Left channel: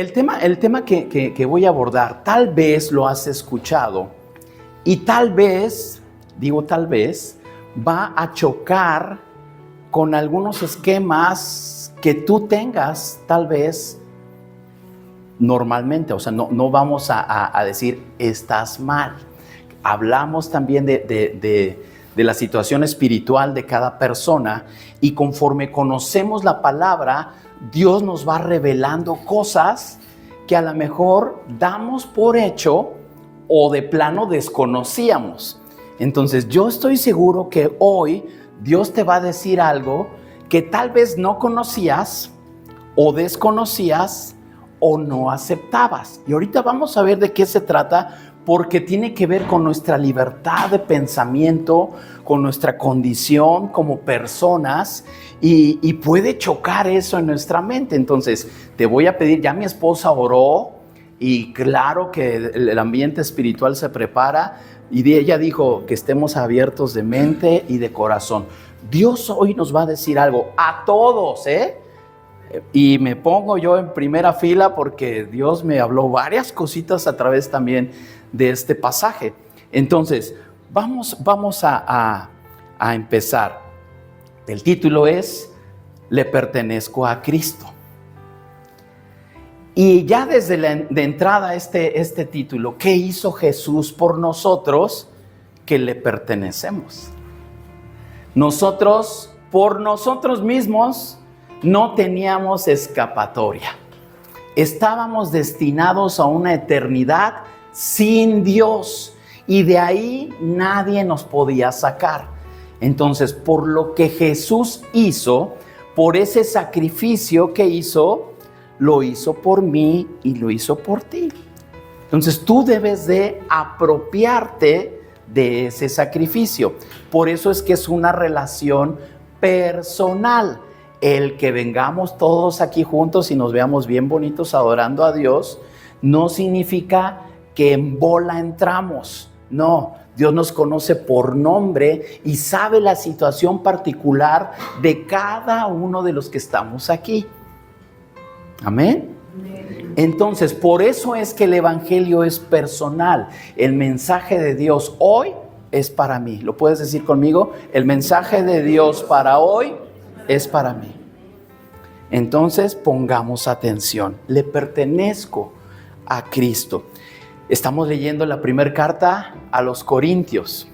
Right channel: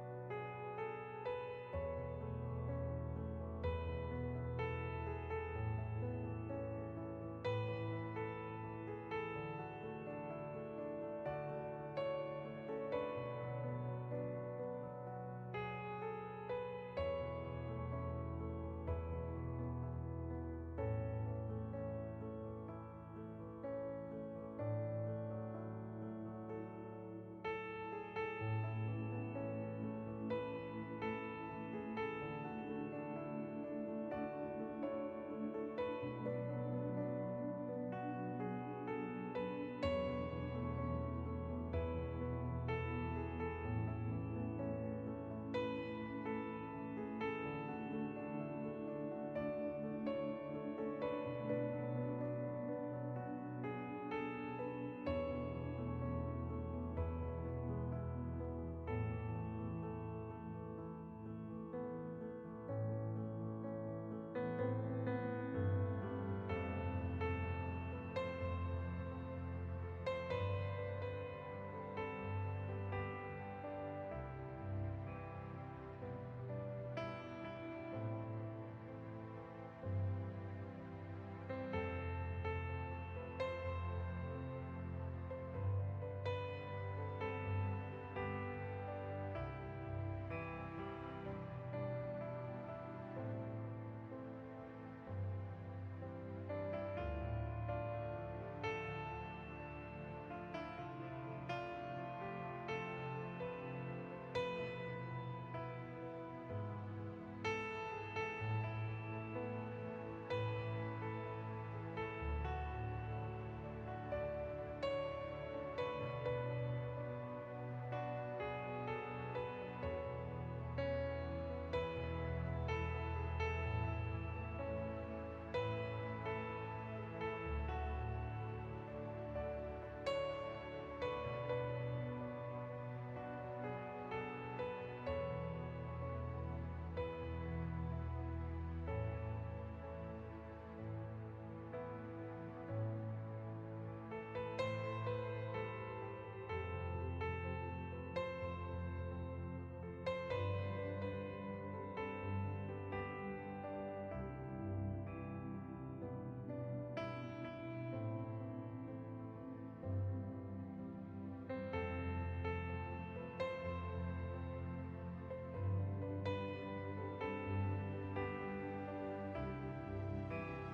el tema que voy a abordar, tal vez lo has escuchado y tal vez, digo tal vez, va a chocar con algunos esquemas que tú tengas tal vez normalmente. O sea, no vamos a decir estás mal. Hablamos también de la situación espiritual de cada persona, y conforme conocemos la palabra, Dios nos va revelando cosas que a lo mejor damos por hecho o de plano desconocíamos. Entonces yo estoy seguro que hoy Dios te va a decir algo que tal vez no conocías o desconocías o no aceptabas. Y ahorita vamos a ver de qué se trata, porque tiene que ver con nuestra libertad de pensamiento, con nuestra condición como personas, y puede chocar eso en nuestra mente. Entonces te voy a pedir, ya mi esposa oró y claro que el ambiente espiritual se prepara, y ella dijo que estemos abiertos de mente y de corazón. Dios hoy nos va a decir algo a todos, y me pongo yo en primera fila porque Dios me habló varias cositas a través también de este pasaje. Entonces, vamos a empezar. El título es Le pertenezco a Cristo. Y ya desde de entrada este título, ¿qué hizo Jesús por nosotros? Que le pertenecemos. Nosotros, por nosotros mismos, no teníamos escapatoria. Estábamos destinados a una eternidad sin Dios, y de ahí nadie nos podía sacar. Entonces, por lo que Jesús hizo, por ese sacrificio que hizo, lo hizo por mí y lo hizo por ti. Entonces tú debes de apropiarte de ese sacrificio. Por eso es que es una relación personal. El que vengamos todos aquí juntos y nos veamos bien bonitos adorando a Dios no significa que en bola entramos. No, Dios nos conoce por nombre y sabe la situación particular de cada uno de los que estamos aquí. Amén. Entonces, por eso es que el evangelio es personal. El mensaje de Dios hoy es para mí. ¿Lo puedes decir conmigo? El mensaje de Dios para hoy es para mí. Entonces, pongamos atención. Le pertenezco a Cristo. Estamos leyendo la primera carta a los Corintios.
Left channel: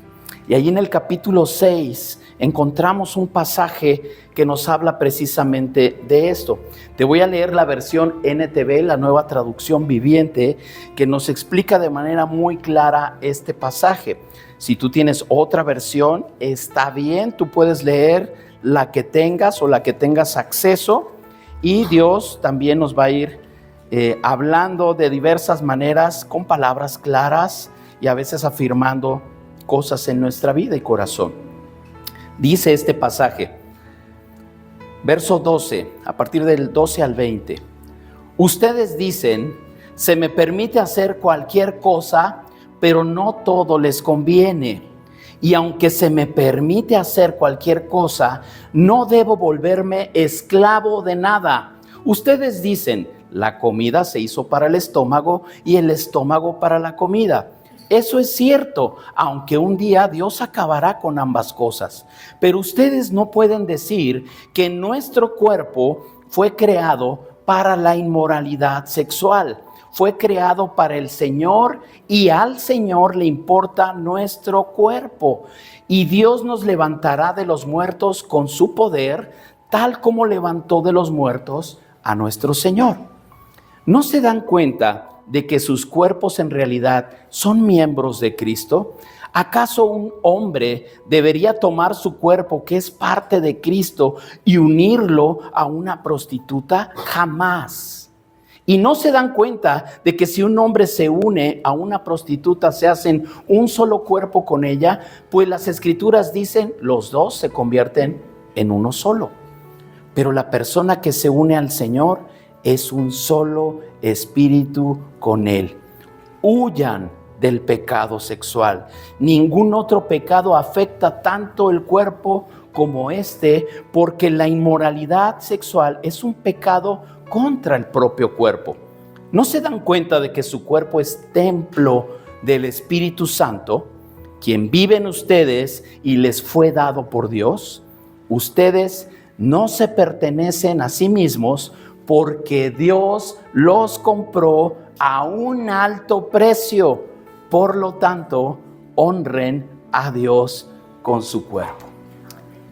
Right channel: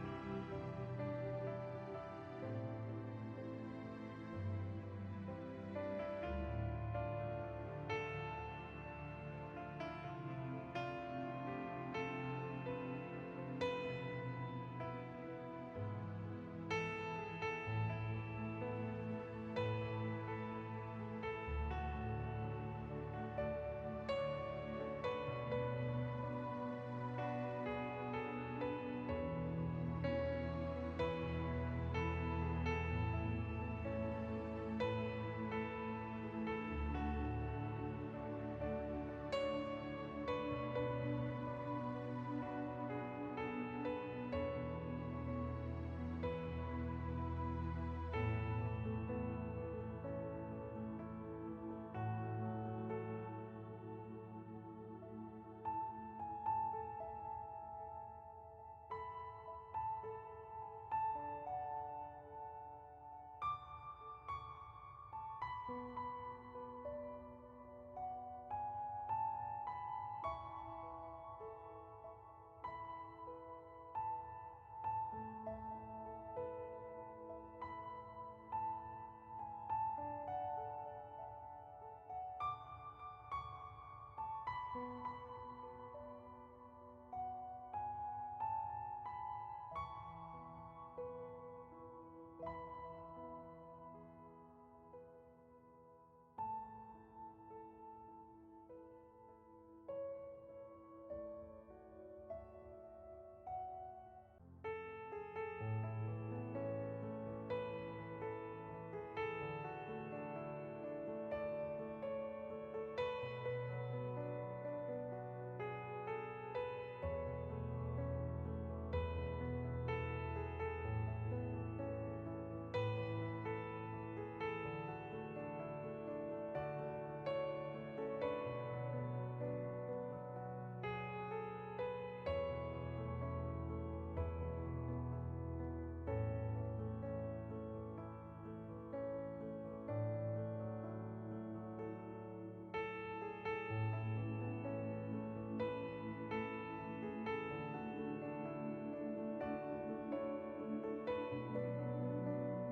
Y ahí en el capítulo 6 encontramos un pasaje que nos habla precisamente de esto. Te voy a leer la versión NTV, la Nueva Traducción Viviente, que nos explica de manera muy clara este pasaje. Si tú tienes otra versión, está bien, tú puedes leer la que tengas o la que tengas acceso, y Dios también nos va a ir hablando de diversas maneras, con palabras claras y a veces afirmando cosas en nuestra vida y corazón. Dice este pasaje, verso 12, a partir del 12 al 20. Ustedes dicen, se me permite hacer cualquier cosa, pero no todo les conviene. Y aunque se me permite hacer cualquier cosa, no debo volverme esclavo de nada. Ustedes dicen, la comida se hizo para el estómago y el estómago para la comida. Eso es cierto, aunque un día Dios acabará con ambas cosas. Pero ustedes no pueden decir que nuestro cuerpo fue creado para la inmoralidad sexual. Fue creado para el Señor, y al Señor le importa nuestro cuerpo. Y Dios nos levantará de los muertos con su poder, tal como levantó de los muertos a nuestro Señor. ¿No se dan cuenta de que sus cuerpos en realidad son miembros de Cristo? ¿Acaso un hombre debería tomar su cuerpo, que es parte de Cristo, y unirlo a una prostituta? Jamás. Y no se dan cuenta de que si un hombre se une a una prostituta, se hacen un solo cuerpo con ella, pues las escrituras dicen, los dos se convierten en uno solo. Pero la persona que se une al Señor es un solo espíritu con Él. Huyan del pecado sexual. Ningún otro pecado afecta tanto el cuerpo como este, porque la inmoralidad sexual es un pecado contra el propio cuerpo. ¿No se dan cuenta de que su cuerpo es templo del Espíritu Santo, quien vive en ustedes y les fue dado por Dios? Ustedes no se pertenecen a sí mismos porque Dios los compró a un alto precio. Por lo tanto, honren a Dios con su cuerpo.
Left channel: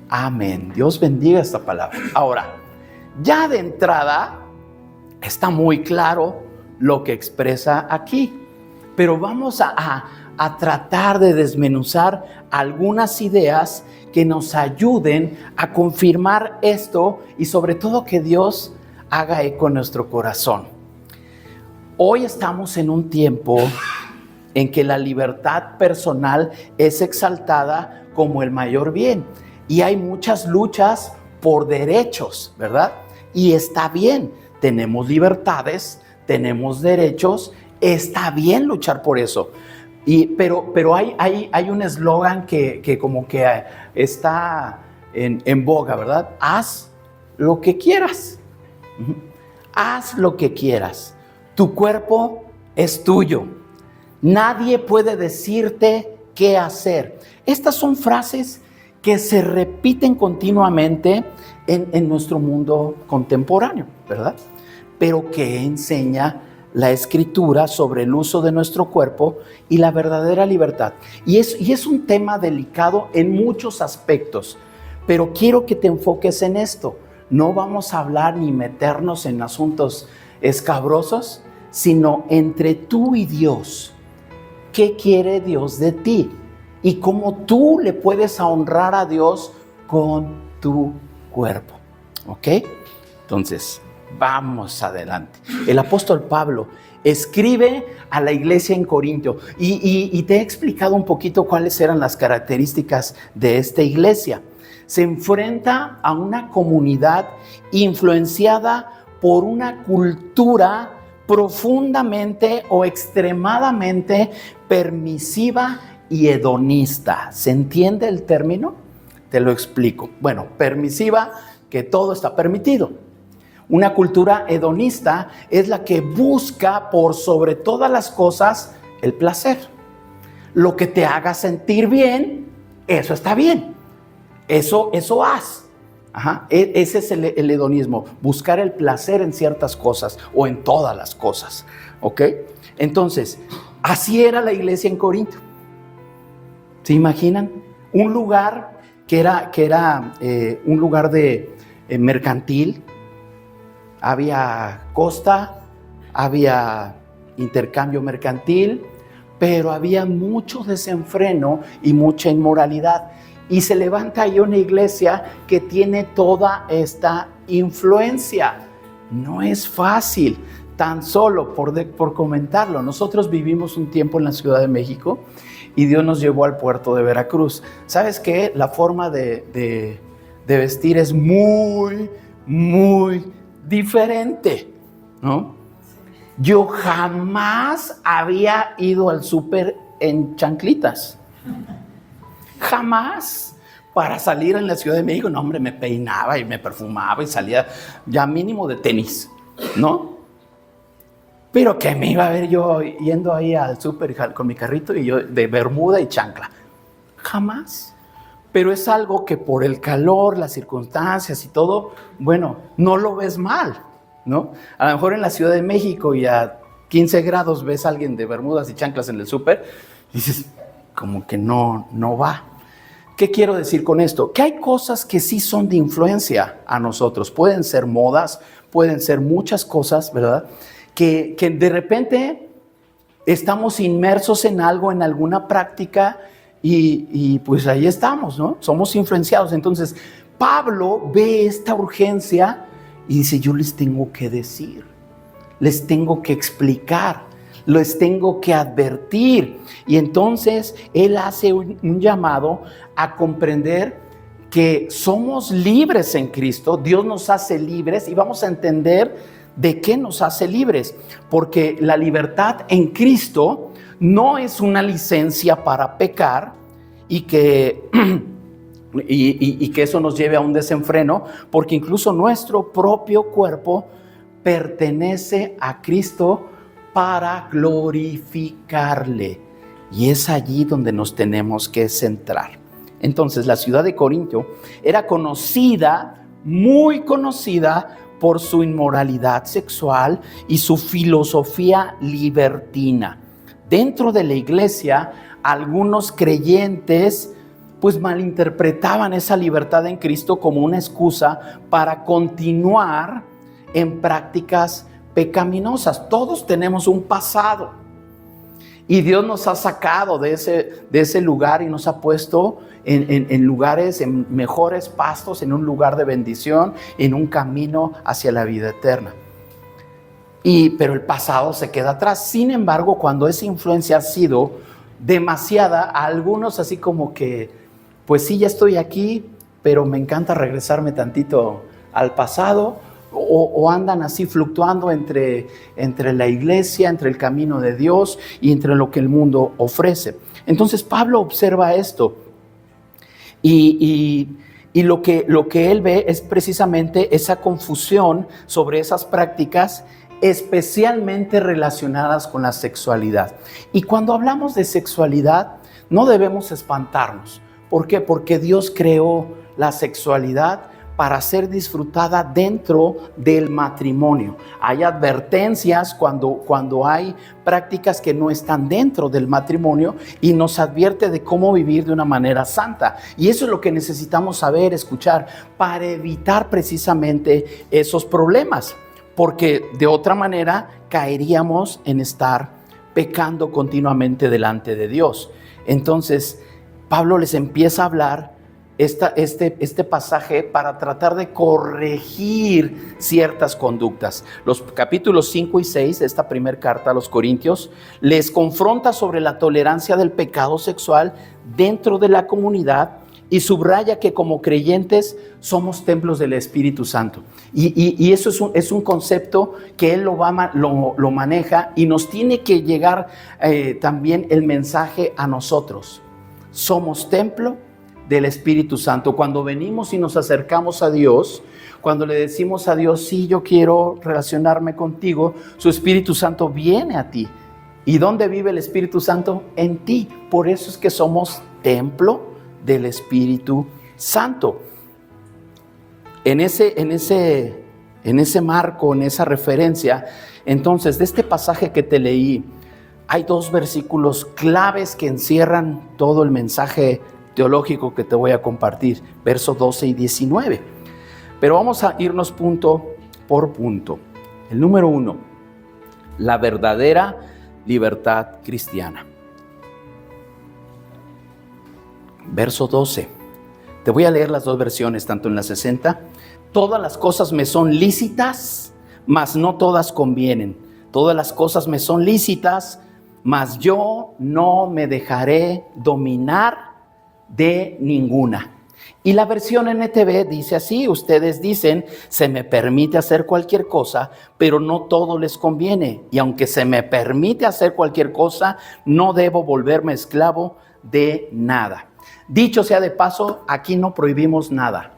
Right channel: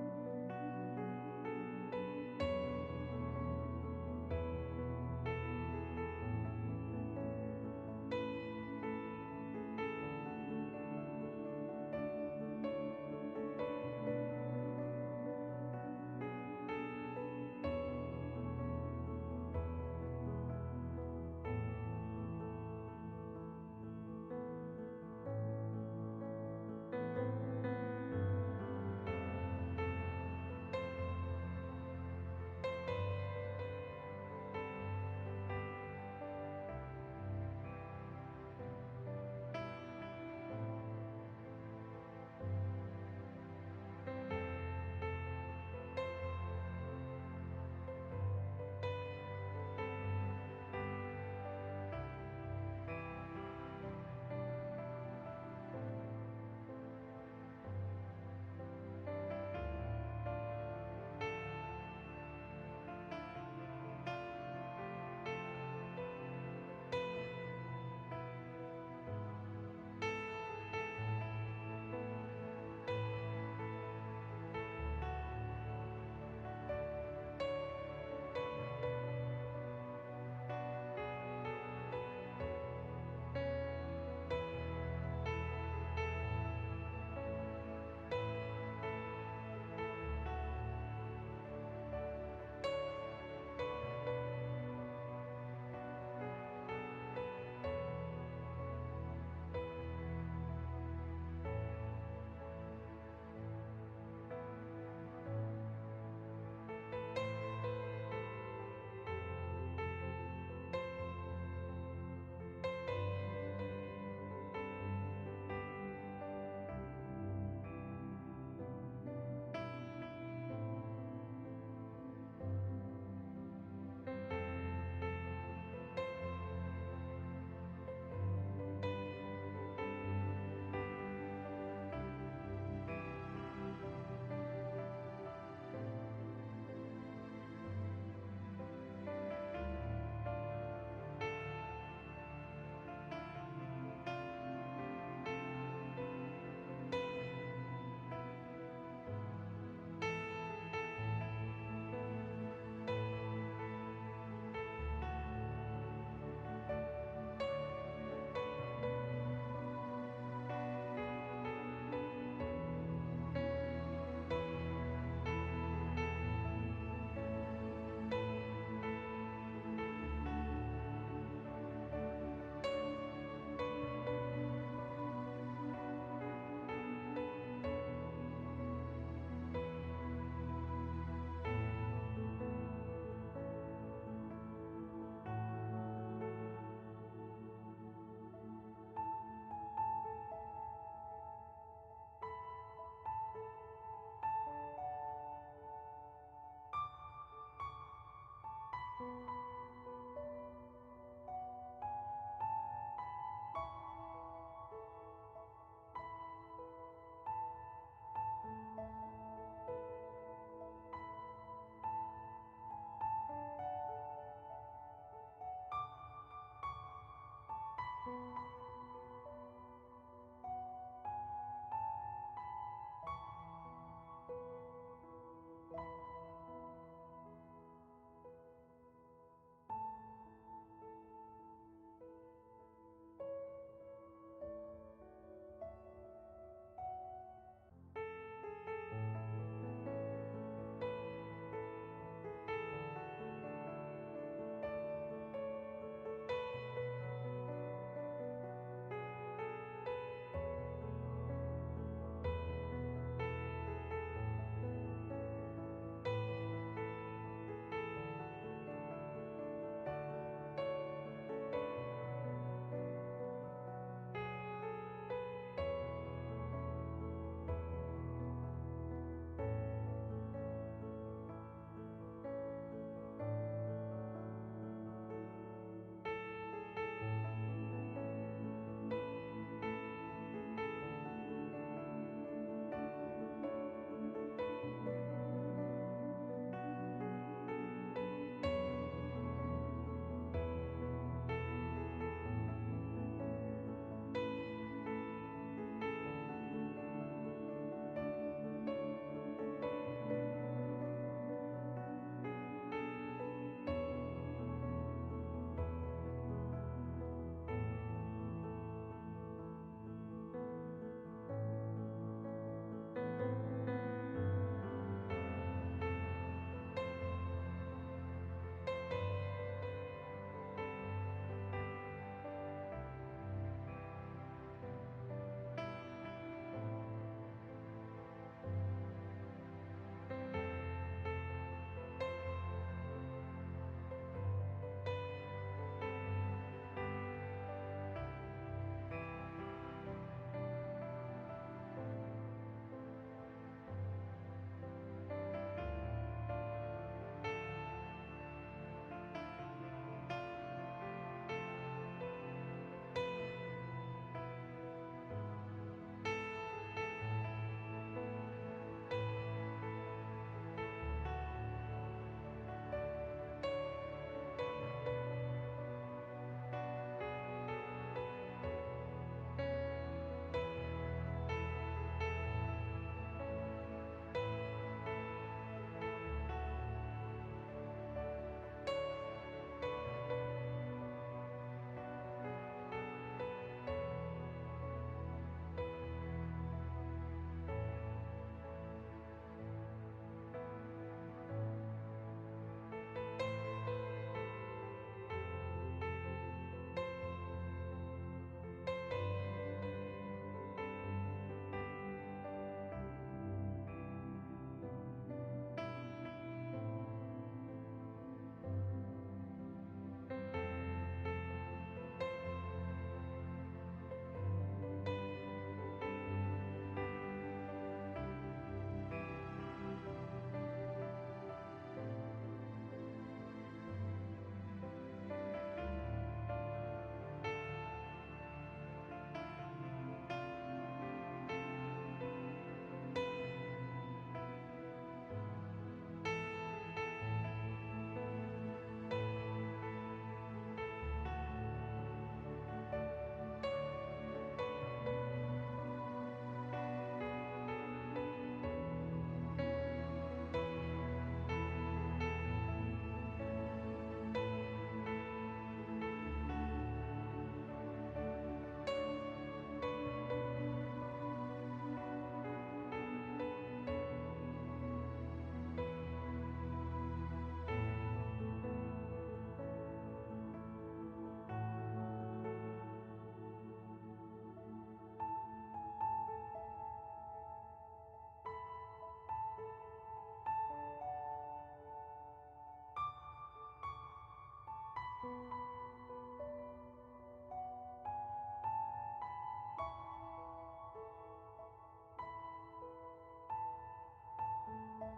Amén. Dios bendiga esta palabra. Ahora, ya de entrada está muy claro lo que expresa aquí, pero vamos a tratar de desmenuzar algunas ideas que nos ayuden a confirmar esto y sobre todo que Dios haga eco en nuestro corazón. Hoy estamos en un tiempo en que la libertad personal es exaltada como el mayor bien y hay muchas luchas por derechos, ¿verdad? Y está bien, tenemos libertades, tenemos derechos, está bien luchar por eso. Pero hay un eslogan que como que está en boga, ¿verdad? Haz lo que quieras. Haz lo que quieras. Tu cuerpo es tuyo. Nadie puede decirte qué hacer. Estas son frases que se repiten continuamente en nuestro mundo contemporáneo, ¿verdad? Pero que enseña la Escritura sobre el uso de nuestro cuerpo y la verdadera libertad. Y es un tema delicado en muchos aspectos, pero quiero que te enfoques en esto. No vamos a hablar ni meternos en asuntos escabrosos, sino entre tú y Dios. ¿Qué quiere Dios de ti? Y cómo tú le puedes honrar a Dios con tu cuerpo. ¿Ok? Entonces, vamos adelante. El apóstol Pablo escribe a la iglesia en Corinto y te he explicado un poquito cuáles eran las características de esta iglesia. Se enfrenta a una comunidad influenciada por una cultura profundamente o extremadamente permisiva y hedonista. ¿Se entiende el término? Te lo explico. Bueno, permisiva, que todo está permitido. Una cultura hedonista es la que busca por sobre todas las cosas el placer. Lo que te haga sentir bien, eso está bien. Eso haz. Ese es el hedonismo, buscar el placer en ciertas cosas o en todas las cosas. ¿Ok? Entonces, así era la iglesia en Corinto. ¿Se imaginan? Un lugar que era un lugar de mercantil. Había costa, había intercambio mercantil, pero había mucho desenfreno y mucha inmoralidad. Y se levanta ahí una iglesia que tiene toda esta influencia. No es fácil, tan solo por comentarlo. Nosotros vivimos un tiempo en la Ciudad de México y Dios nos llevó al puerto de Veracruz. ¿Sabes qué? La forma de vestir es muy, muy diferente, ¿no? Yo jamás había ido al súper en chanclitas. Jamás. Para salir en la Ciudad de México, no, hombre, me peinaba y me perfumaba y salía ya mínimo de tenis, ¿no? Pero que me iba a ver yo yendo ahí al súper con mi carrito y yo de bermuda y chancla. Jamás. Pero es algo que por el calor, las circunstancias y todo, bueno, no lo ves mal, ¿no? A lo mejor en la Ciudad de México y a 15 grados ves a alguien de bermudas y chanclas en el súper y dices, como que no va. ¿Qué quiero decir con esto? Que hay cosas que sí son de influencia a nosotros. Pueden ser modas, pueden ser muchas cosas, ¿verdad? Que de repente estamos inmersos en algo, en alguna práctica y pues ahí estamos, ¿no? Somos influenciados. Entonces, Pablo ve esta urgencia y dice, yo les tengo que decir, les tengo que explicar, les tengo que advertir. Y entonces él hace un llamado a comprender que somos libres en Cristo. Dios nos hace libres y vamos a entender de qué nos hace libres, porque la libertad en Cristo no es una licencia para pecar y que eso nos lleve a un desenfreno, porque incluso nuestro propio cuerpo pertenece a Cristo para glorificarle. Y es allí donde nos tenemos que centrar. Entonces, la ciudad de Corinto era conocida, muy conocida, por su inmoralidad sexual y su filosofía libertina. Dentro de la iglesia, algunos creyentes pues malinterpretaban esa libertad en Cristo como una excusa para continuar en prácticas pecaminosas. Todos tenemos un pasado y Dios nos ha sacado de ese lugar y nos ha puesto en lugares, en mejores pastos, en un lugar de bendición, en un camino hacia la vida eterna. Pero el pasado se queda atrás. Sin embargo, cuando esa influencia ha sido demasiada, a algunos así como que, pues sí, ya estoy aquí, pero me encanta regresarme tantito al pasado, o andan así fluctuando entre la iglesia, entre el camino de Dios y entre lo que el mundo ofrece. Entonces Pablo observa esto y lo que él ve es precisamente esa confusión sobre esas prácticas, especialmente relacionadas con la sexualidad. Y cuando hablamos de sexualidad, no debemos espantarnos. ¿Por qué? Porque Dios creó la sexualidad para ser disfrutada dentro del matrimonio. Hay advertencias cuando hay prácticas que no están dentro del matrimonio y nos advierte de cómo vivir de una manera santa. Y eso es lo que necesitamos saber, escuchar, para evitar precisamente esos problemas, porque de otra manera caeríamos en estar pecando continuamente delante de Dios. Entonces, Pablo les empieza a hablar este pasaje para tratar de corregir ciertas conductas. Los capítulos 5 y 6 de esta primera carta a los Corintios les confronta sobre la tolerancia del pecado sexual dentro de la comunidad y subraya que como creyentes somos templos del Espíritu Santo. Y eso es un concepto que él lo maneja y nos tiene que llegar también el mensaje a nosotros. Somos templo del Espíritu Santo. Cuando venimos y nos acercamos a Dios, cuando le decimos a Dios, sí, yo quiero relacionarme contigo, su Espíritu Santo viene a ti. ¿Y dónde vive el Espíritu Santo? En ti. Por eso es que somos templo del Espíritu Santo. En ese marco, en esa referencia, entonces, de este pasaje que te leí, hay dos versículos claves que encierran todo el mensaje teológico que te voy a compartir, versos 12 y 19. Pero vamos a irnos punto por punto. El número 1, la verdadera libertad cristiana. Verso 12. Te voy a leer las dos versiones, tanto en la 60. Todas las cosas me son lícitas, mas no todas convienen. Todas las cosas me son lícitas, mas yo no me dejaré dominar de ninguna. Y la versión NTV dice así: ustedes dicen, se me permite hacer cualquier cosa, pero no todo les conviene. Y aunque se me permite hacer cualquier cosa, no debo volverme esclavo de nada. Dicho sea de paso, aquí no prohibimos nada.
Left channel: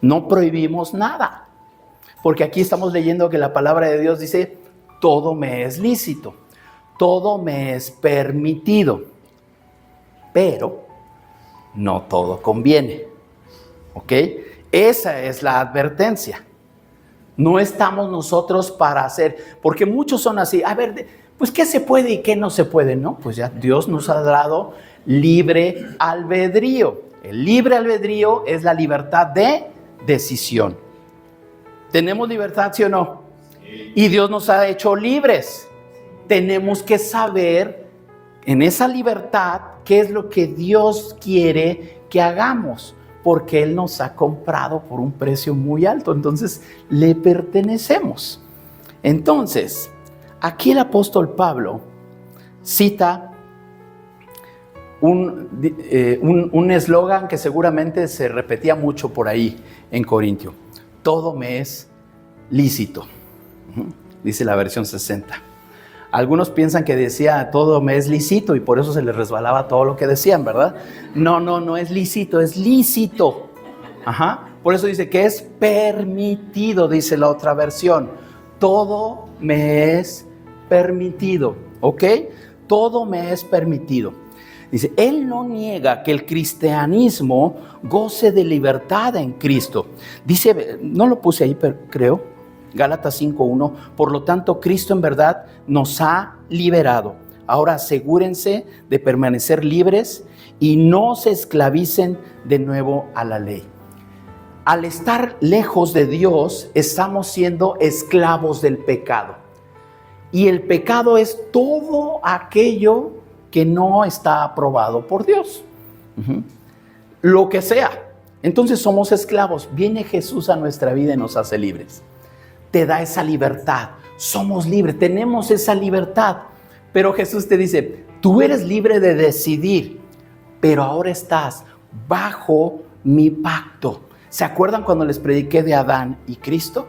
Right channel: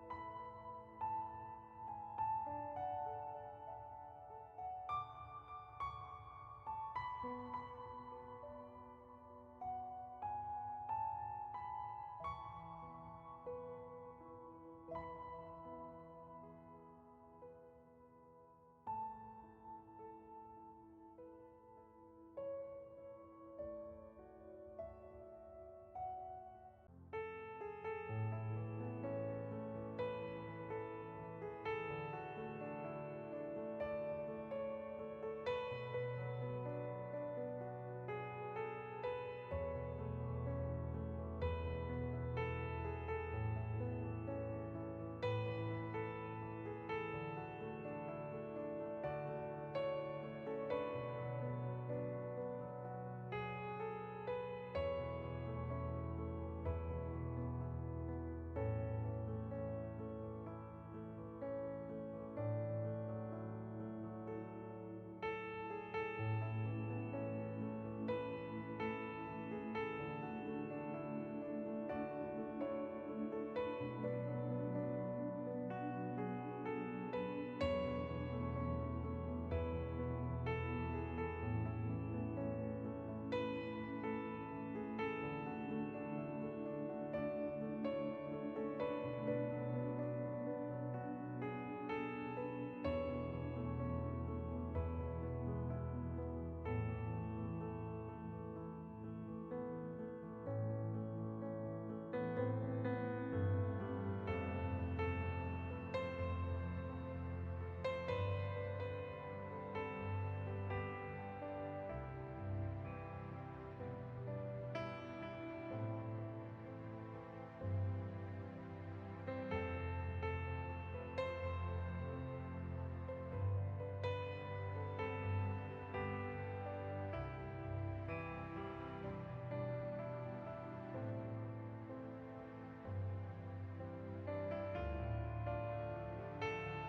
No prohibimos nada. Porque aquí estamos leyendo que la palabra de Dios dice, todo me es lícito, todo me es permitido, pero no todo conviene. ¿Ok? Esa es la advertencia. No estamos nosotros para hacer, porque muchos son así, a ver, pues ¿qué se puede y qué no se puede? No, pues ya Dios nos ha dado libre albedrío. El libre albedrío es la libertad de decisión. ¿Tenemos libertad, sí o no? Y Dios nos ha hecho libres. Tenemos que saber en esa libertad qué es lo que Dios quiere que hagamos, porque Él nos ha comprado por un precio muy alto, entonces le pertenecemos. Entonces, aquí el apóstol Pablo cita un eslogan que seguramente se repetía mucho por ahí en Corintio: todo me es lícito, dice la versión 60. Algunos piensan que decía todo me es lícito y por eso se les resbalaba todo lo que decían, ¿verdad? No es lícito, es lícito. Por eso dice que es permitido, dice la otra versión. Todo me es permitido, ¿ok? Todo me es permitido. Dice, él no niega que el cristianismo goce de libertad en Cristo. Dice, no lo puse ahí, pero creo, Gálatas 5:1, por lo tanto, Cristo en verdad nos ha liberado. Ahora asegúrense de permanecer libres y no se esclavicen de nuevo a la ley. Al estar lejos de Dios, estamos siendo esclavos del pecado. Y el pecado es todo aquello que no está aprobado por Dios. Lo que sea. Entonces somos esclavos. Viene Jesús a nuestra vida y nos hace libres. Te da esa libertad. Somos libres, tenemos esa libertad. Pero Jesús te dice, tú eres libre de decidir, pero ahora estás bajo mi pacto. ¿Se acuerdan cuando les prediqué de Adán y Cristo?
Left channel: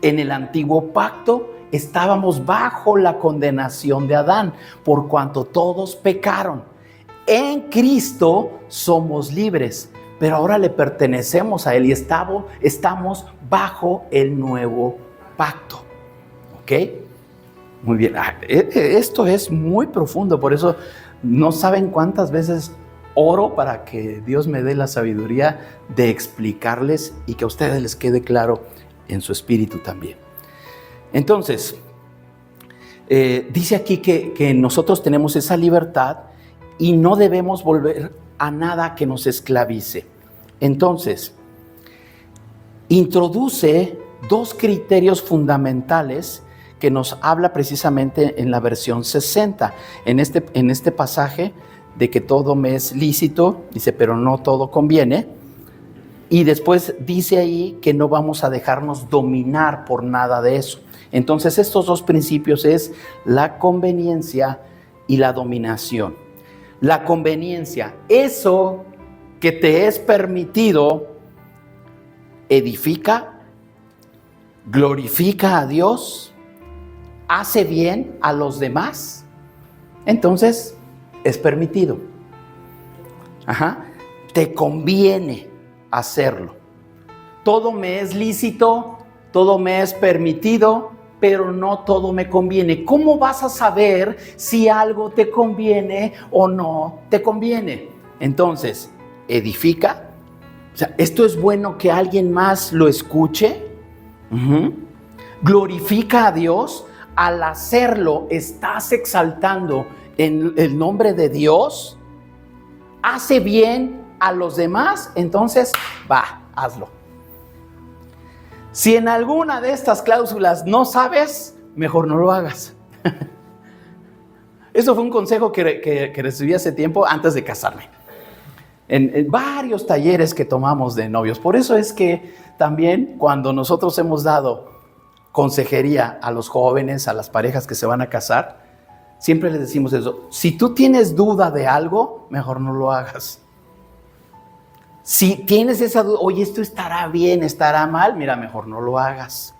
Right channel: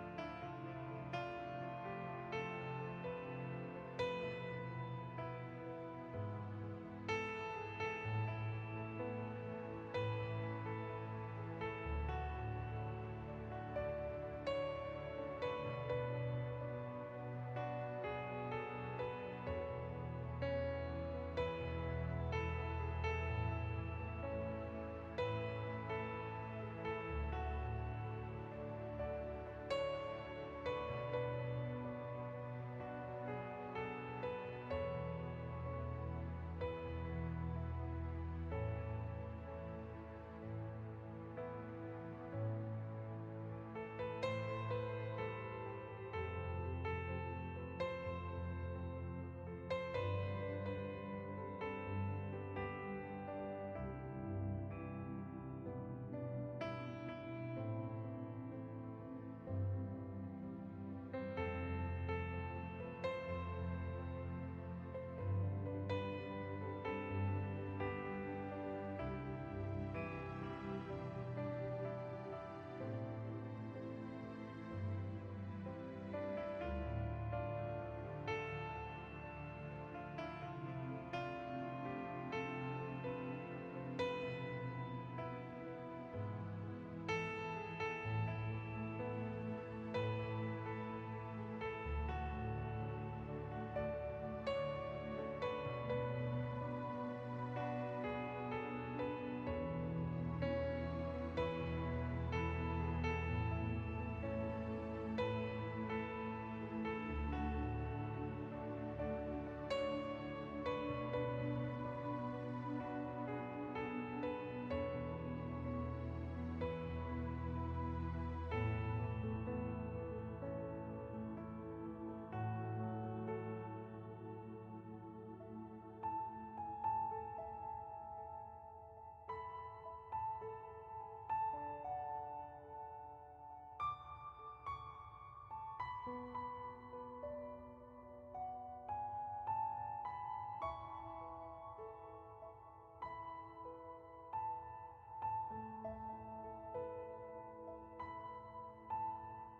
En el antiguo pacto estábamos bajo la condenación de Adán, por cuanto todos pecaron. En Cristo somos libres, pero ahora le pertenecemos a Él y estamos bajo el nuevo pacto. ¿Ok? Muy bien. Esto es muy profundo, por eso no saben cuántas veces oro para que Dios me dé la sabiduría de explicarles y que a ustedes les quede claro en su espíritu también. Entonces, dice aquí que nosotros tenemos esa libertad y no debemos volver a nada que nos esclavice. Entonces, introduce dos criterios fundamentales que nos habla precisamente en la versión 60. En este pasaje de que todo me es lícito, dice, pero no todo conviene. Y después dice ahí que no vamos a dejarnos dominar por nada de eso. Entonces estos dos principios es la conveniencia y la dominación. La conveniencia, eso que te es permitido, edifica, glorifica a Dios, hace bien a los demás, entonces es permitido. Te conviene hacerlo. Todo me es lícito, todo me es permitido, pero no todo me conviene. ¿Cómo vas a saber si algo te conviene o no te conviene? Entonces, edifica. O sea, esto es bueno que alguien más lo escuche. Glorifica a Dios. Al hacerlo, estás exaltando en el nombre de Dios. Hace bien a los demás, entonces va, hazlo. Si en alguna de estas cláusulas no sabes, mejor no lo hagas. Eso fue un consejo que recibí hace tiempo antes de casarme. En varios talleres que tomamos de novios. Por eso es que también cuando nosotros hemos dado consejería a los jóvenes, a las parejas que se van a casar, siempre les decimos eso. Si tú tienes duda de algo, mejor no lo hagas. Si tienes esa duda, oye, esto estará bien, estará mal, mira, mejor no lo hagas.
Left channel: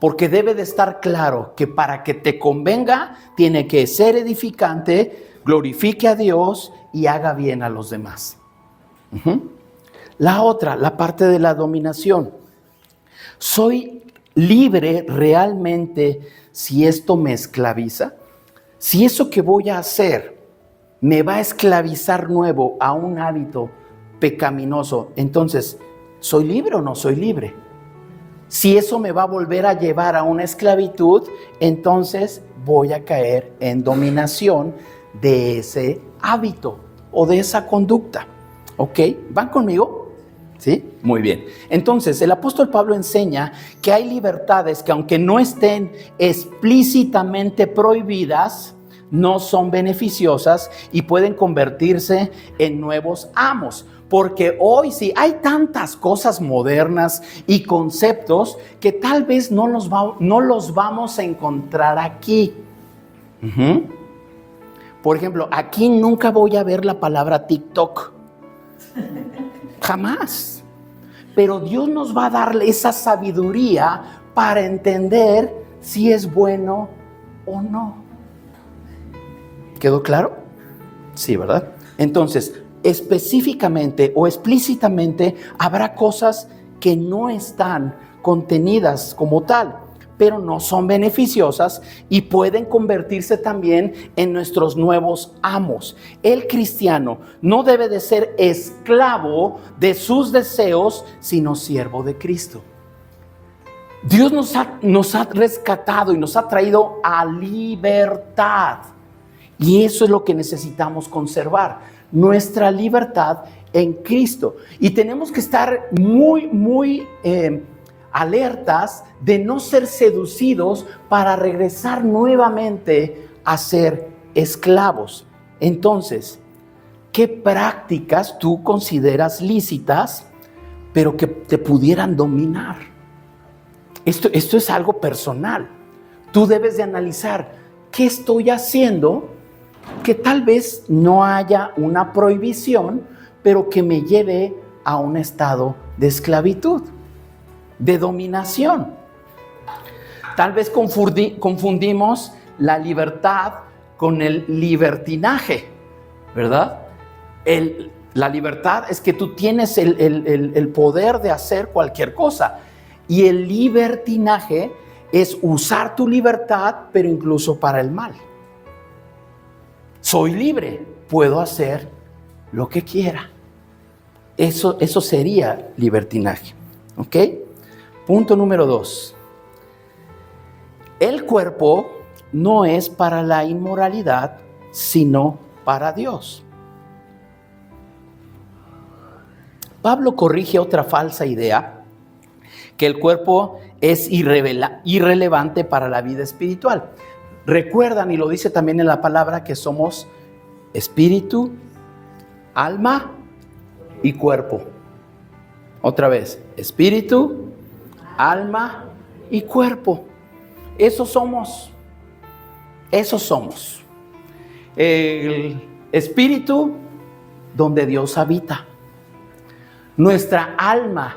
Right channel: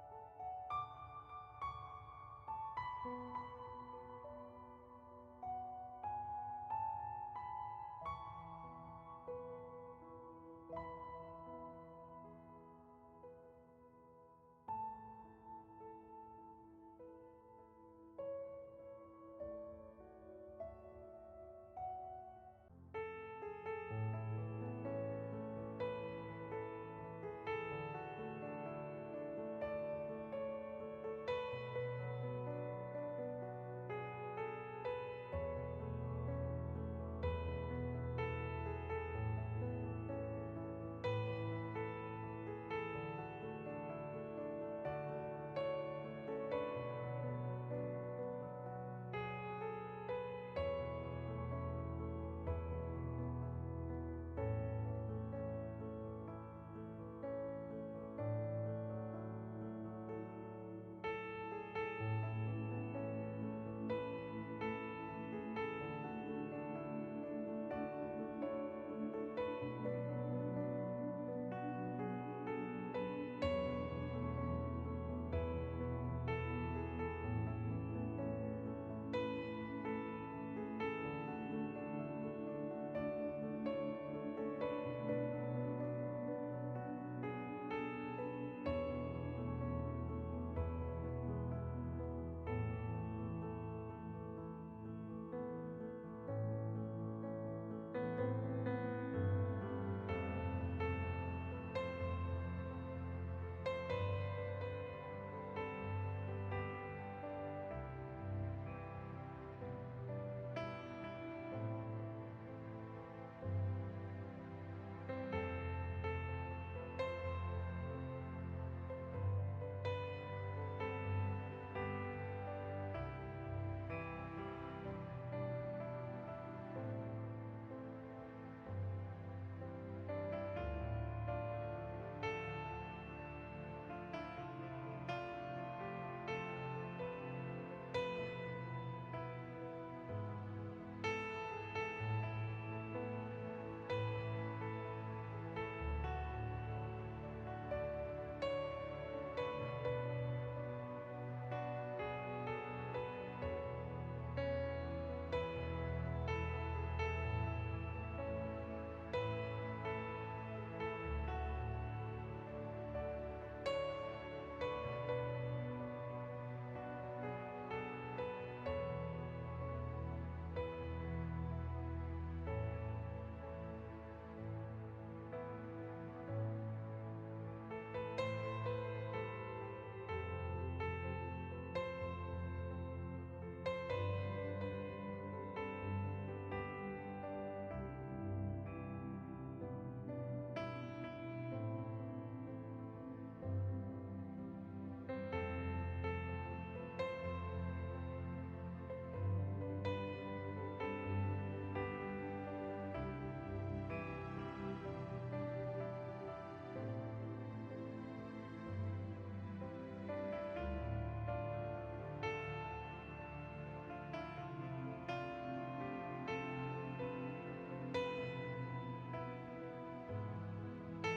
Porque debe de estar claro que para que te convenga, tiene que ser edificante, glorifique a Dios y haga bien a los demás. La otra, la parte de la dominación. ¿Soy libre realmente si esto me esclaviza? Si eso que voy a hacer me va a esclavizar nuevo a un hábito pecaminoso, entonces, ¿soy libre o no soy libre? Si eso me va a volver a llevar a una esclavitud, entonces voy a caer en dominación de ese hábito o de esa conducta. ¿Ok? ¿Van conmigo? ¿Sí? Muy bien. Entonces, el apóstol Pablo enseña que hay libertades que, aunque no estén explícitamente prohibidas, no son beneficiosas y pueden convertirse en nuevos amos. Porque hoy sí hay tantas cosas modernas y conceptos que tal vez no los vamos a encontrar aquí. Por ejemplo, aquí nunca voy a ver la palabra TikTok. Jamás. Pero Dios nos va a dar esa sabiduría para entender si es bueno o no. ¿Quedó claro? Sí, ¿verdad? Entonces, específicamente o explícitamente habrá cosas que no están contenidas como tal, pero no son beneficiosas y pueden convertirse también en nuestros nuevos amos. El cristiano no debe de ser esclavo de sus deseos, sino siervo de Cristo. Dios nos ha rescatado y nos ha traído a libertad. Y eso es lo que necesitamos conservar, nuestra libertad en Cristo. Y tenemos que estar muy alertas de no ser seducidos para regresar nuevamente a ser esclavos. Entonces, ¿qué prácticas tú consideras lícitas, pero que te pudieran dominar? Esto es algo personal. Tú debes de analizar, ¿qué estoy haciendo que tal vez no haya una prohibición, pero que me lleve a un estado de esclavitud, de dominación? Tal vez confundimos la libertad con el libertinaje, ¿verdad? La libertad es que tú tienes el poder de hacer cualquier cosa, y el libertinaje es usar tu libertad, pero incluso para el mal. Soy libre, puedo hacer lo que quiera. Eso sería libertinaje. ¿Ok? Punto número 2. El cuerpo no es para la inmoralidad, sino para Dios. Pablo corrige otra falsa idea, que el cuerpo es irrelevante para la vida espiritual. Recuerdan, y lo dice también en la palabra, que somos espíritu, alma y cuerpo. Otra vez, espíritu, alma y cuerpo. Eso somos. El espíritu donde Dios habita. Nuestra alma,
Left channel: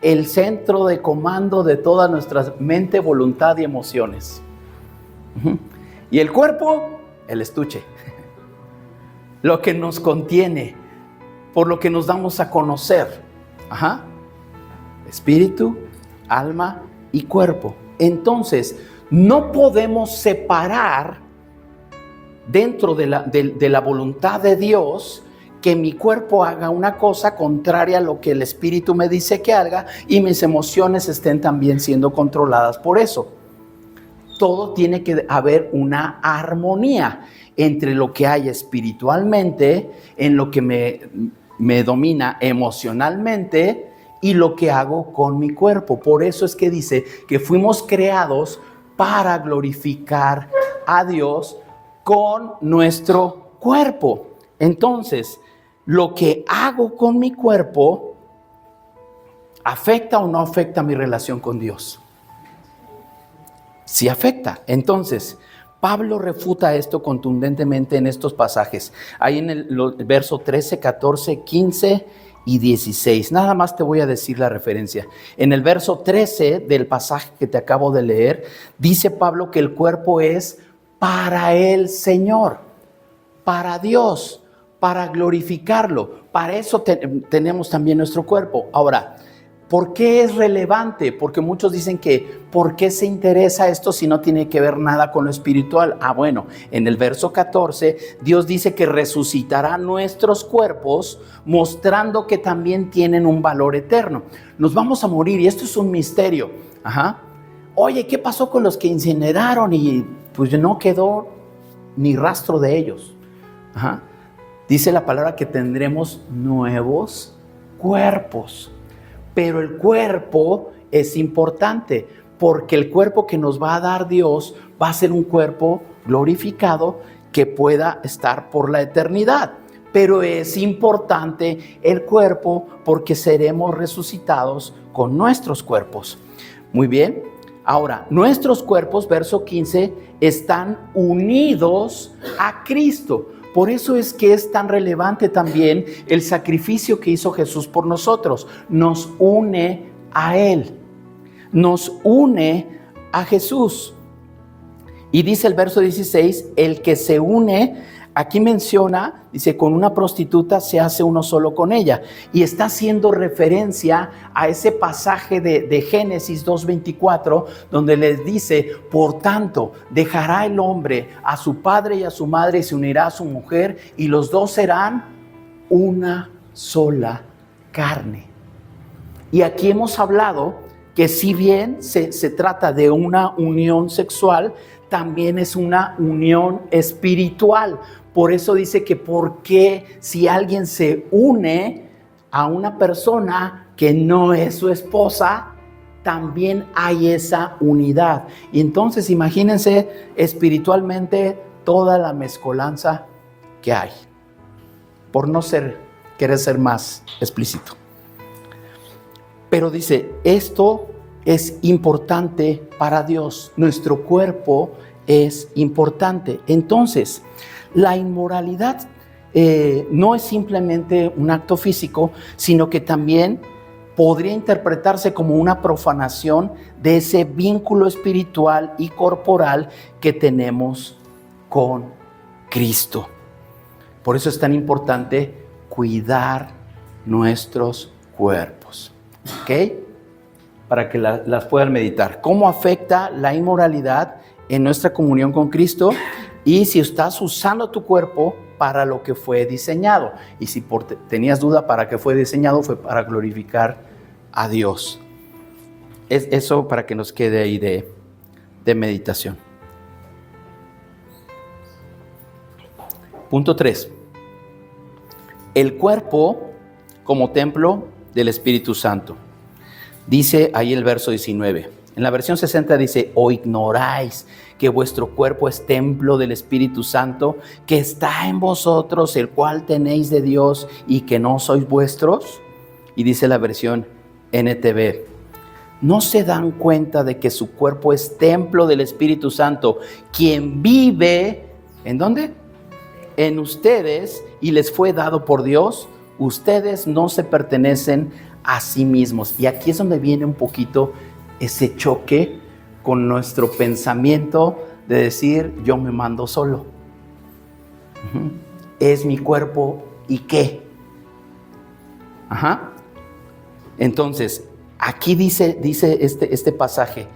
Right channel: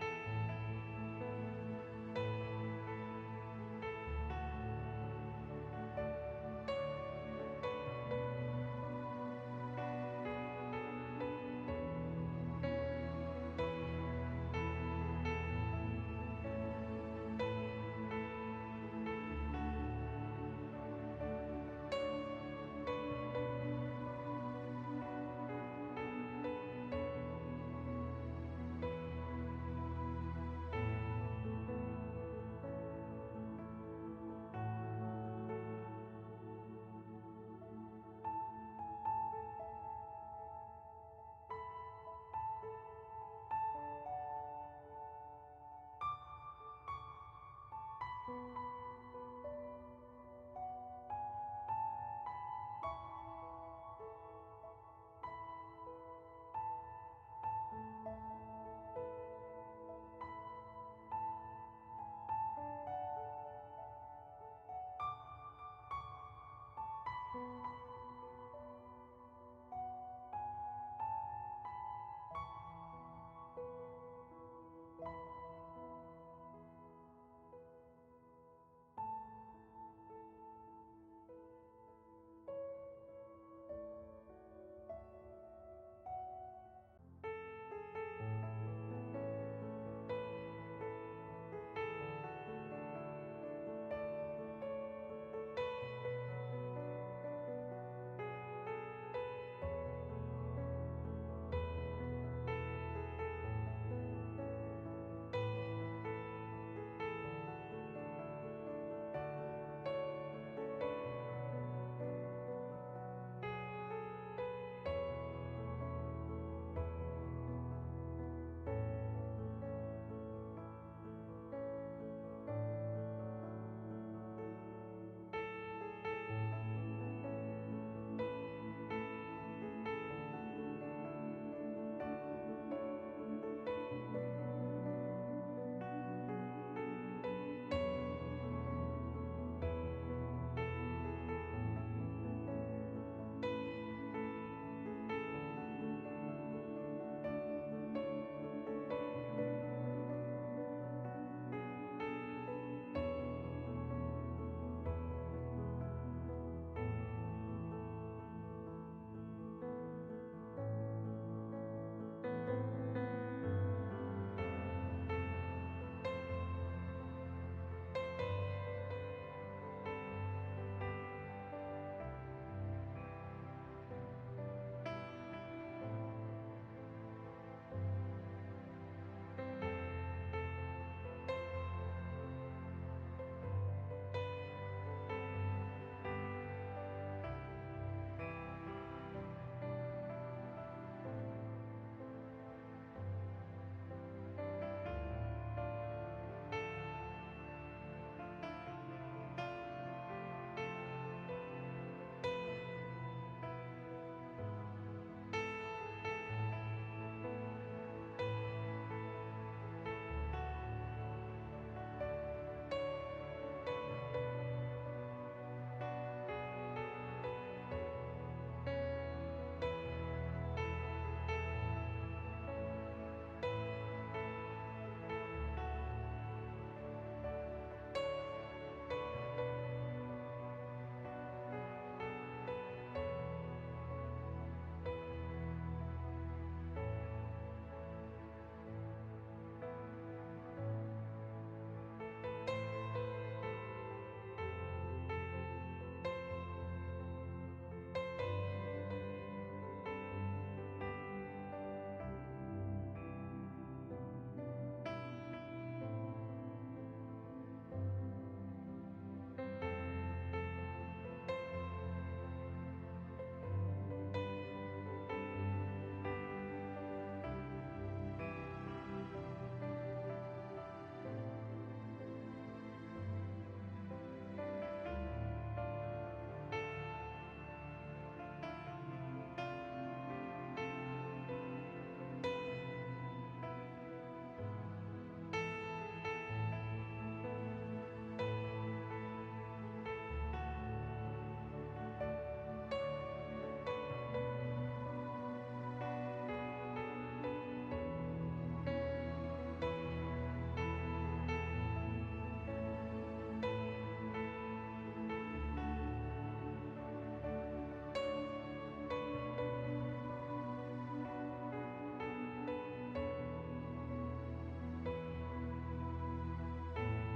el centro de comando de toda nuestra mente, voluntad y emociones. Y el cuerpo, el estuche, lo que nos contiene, por lo que nos damos a conocer. Espíritu, alma y cuerpo. Entonces, no podemos separar dentro de la voluntad de Dios que mi cuerpo haga una cosa contraria a lo que el Espíritu me dice que haga y mis emociones estén también siendo controladas por eso. Todo tiene que haber una armonía entre lo que hay espiritualmente, en lo que me domina emocionalmente y lo que hago con mi cuerpo. Por eso es que dice que fuimos creados para glorificar a Dios con nuestro cuerpo. Entonces, lo que hago con mi cuerpo, ¿afecta o no afecta mi relación con Dios? Sí afecta. Entonces, Pablo refuta esto contundentemente en estos pasajes. Ahí en el verso 13, 14, 15 y 16. Nada más te voy a decir la referencia. En el verso 13 del pasaje que te acabo de leer, dice Pablo que el cuerpo es para el Señor, para Dios, para glorificarlo. Para eso tenemos también nuestro cuerpo. Ahora, ¿por qué es relevante? Porque muchos dicen que ¿por qué se interesa esto si no tiene que ver nada con lo espiritual? Bueno, en el verso 14, Dios dice que resucitará nuestros cuerpos, mostrando que también tienen un valor eterno. Nos vamos a morir y esto es un misterio. Oye, ¿qué pasó con los que incineraron? Y pues no quedó ni rastro de ellos. Dice la palabra que tendremos nuevos cuerpos. Pero el cuerpo es importante, porque el cuerpo que nos va a dar Dios va a ser un cuerpo glorificado que pueda estar por la eternidad. Pero es importante el cuerpo porque seremos resucitados con nuestros cuerpos. Muy bien. Ahora, nuestros cuerpos, verso 15, están unidos a Cristo. Por eso es que es tan relevante también el sacrificio que hizo Jesús por nosotros. Nos une a Él, nos une a Jesús. Y dice el verso 16, el que se une aquí menciona, dice, con una prostituta se hace uno solo con ella. Y está haciendo referencia a ese pasaje de Génesis 2:24, donde les dice, por tanto, dejará el hombre a su padre y a su madre y se unirá a su mujer y los dos serán una sola carne. Y aquí hemos hablado que si bien se trata de una unión sexual, también es una unión espiritual. Por eso dice que porque si alguien se une a una persona que no es su esposa, también hay esa unidad. Y entonces imagínense espiritualmente toda la mezcolanza que hay. Por no querer ser más explícito. Pero dice, esto es importante para Dios. Nuestro cuerpo es importante. Entonces, la inmoralidad no es simplemente un acto físico, sino que también podría interpretarse como una profanación de ese vínculo espiritual y corporal que tenemos con Cristo. Por eso es tan importante cuidar nuestros cuerpos. ¿Ok? Para que las puedan meditar. ¿Cómo afecta la inmoralidad en nuestra comunión con Cristo? Y si estás usando tu cuerpo para lo que fue diseñado. Y si tenías duda para qué fue diseñado, fue para glorificar a Dios. Es eso para que nos quede ahí de meditación. Punto 3. El cuerpo como templo del Espíritu Santo. Dice ahí el verso 19. En la versión 60 dice, ¿o ignoráis que vuestro cuerpo es templo del Espíritu Santo, que está en vosotros, el cual tenéis de Dios y que no sois vuestros? Y dice la versión NTV, ¿no se dan cuenta de que su cuerpo es templo del Espíritu Santo, quien vive, ¿en dónde? En ustedes y les fue dado por Dios? Ustedes no se pertenecen a sí mismos. Y aquí es donde viene un poquito ese choque con nuestro pensamiento de decir, yo me mando solo. Es mi cuerpo, ¿y qué? Entonces, aquí dice este pasaje,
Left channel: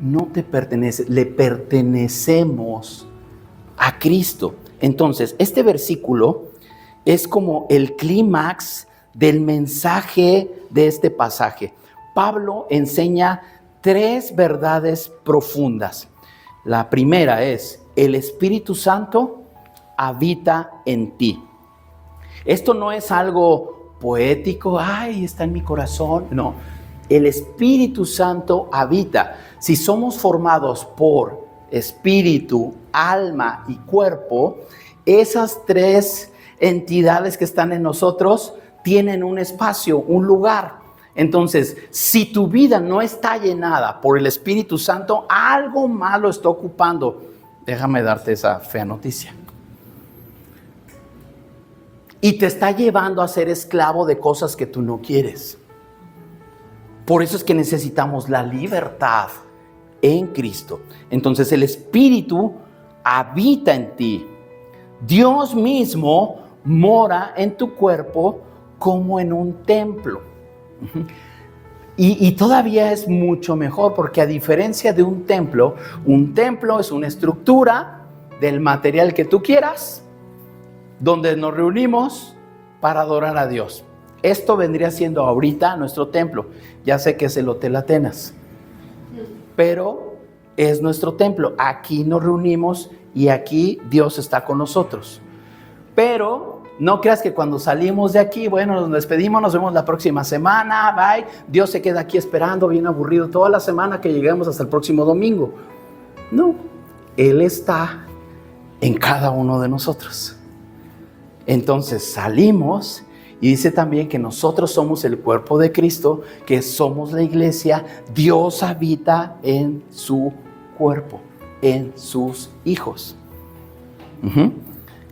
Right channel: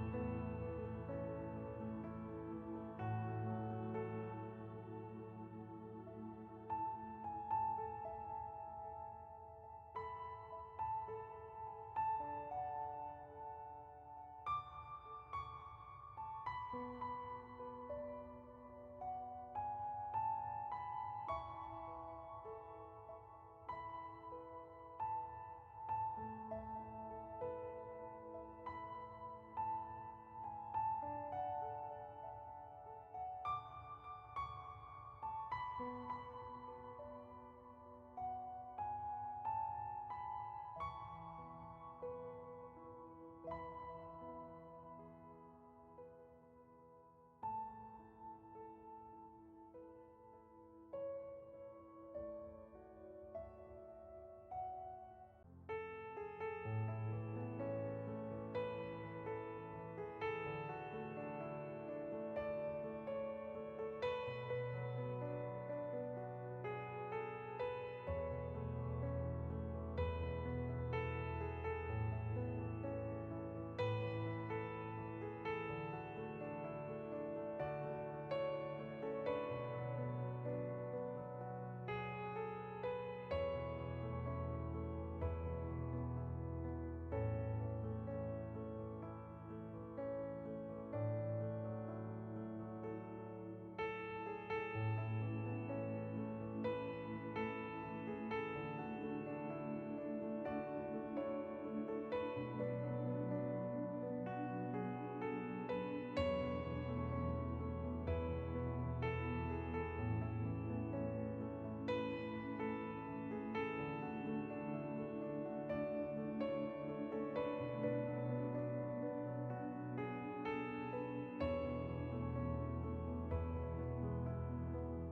no te pertenece, le pertenecemos a Cristo. Entonces, este versículo es como el clímax del mensaje de este pasaje. Pablo enseña 3 verdades profundas. La primera es, el Espíritu Santo habita en ti. Esto no es algo poético, ay, está en mi corazón. No, el Espíritu Santo habita. Si somos formados por espíritu, alma y cuerpo, esas 3 entidades que están en nosotros tienen un espacio, un lugar. Entonces, si tu vida no está llenada por el Espíritu Santo, algo malo está ocupando. Déjame darte esa fea noticia. Y te está llevando a ser esclavo de cosas que tú no quieres. Por eso es que necesitamos la libertad en Cristo. Entonces, el Espíritu habita en ti. Dios mismo mora en tu cuerpo como en un templo. Y todavía es mucho mejor, porque a diferencia de un templo es una estructura del material que tú quieras, donde nos reunimos para adorar a Dios. Esto vendría siendo ahorita nuestro templo. Ya sé que es el Hotel Atenas, pero es nuestro templo. Aquí nos reunimos y aquí Dios está con nosotros. Pero no creas que cuando salimos de aquí, bueno, nos despedimos, nos vemos la próxima semana, bye. Dios se queda aquí esperando, bien aburrido, toda la semana que lleguemos hasta el próximo domingo. No, Él está en cada uno de nosotros. Entonces salimos y dice también que nosotros somos el cuerpo de Cristo, que somos la iglesia. Dios habita en su cuerpo, en sus hijos.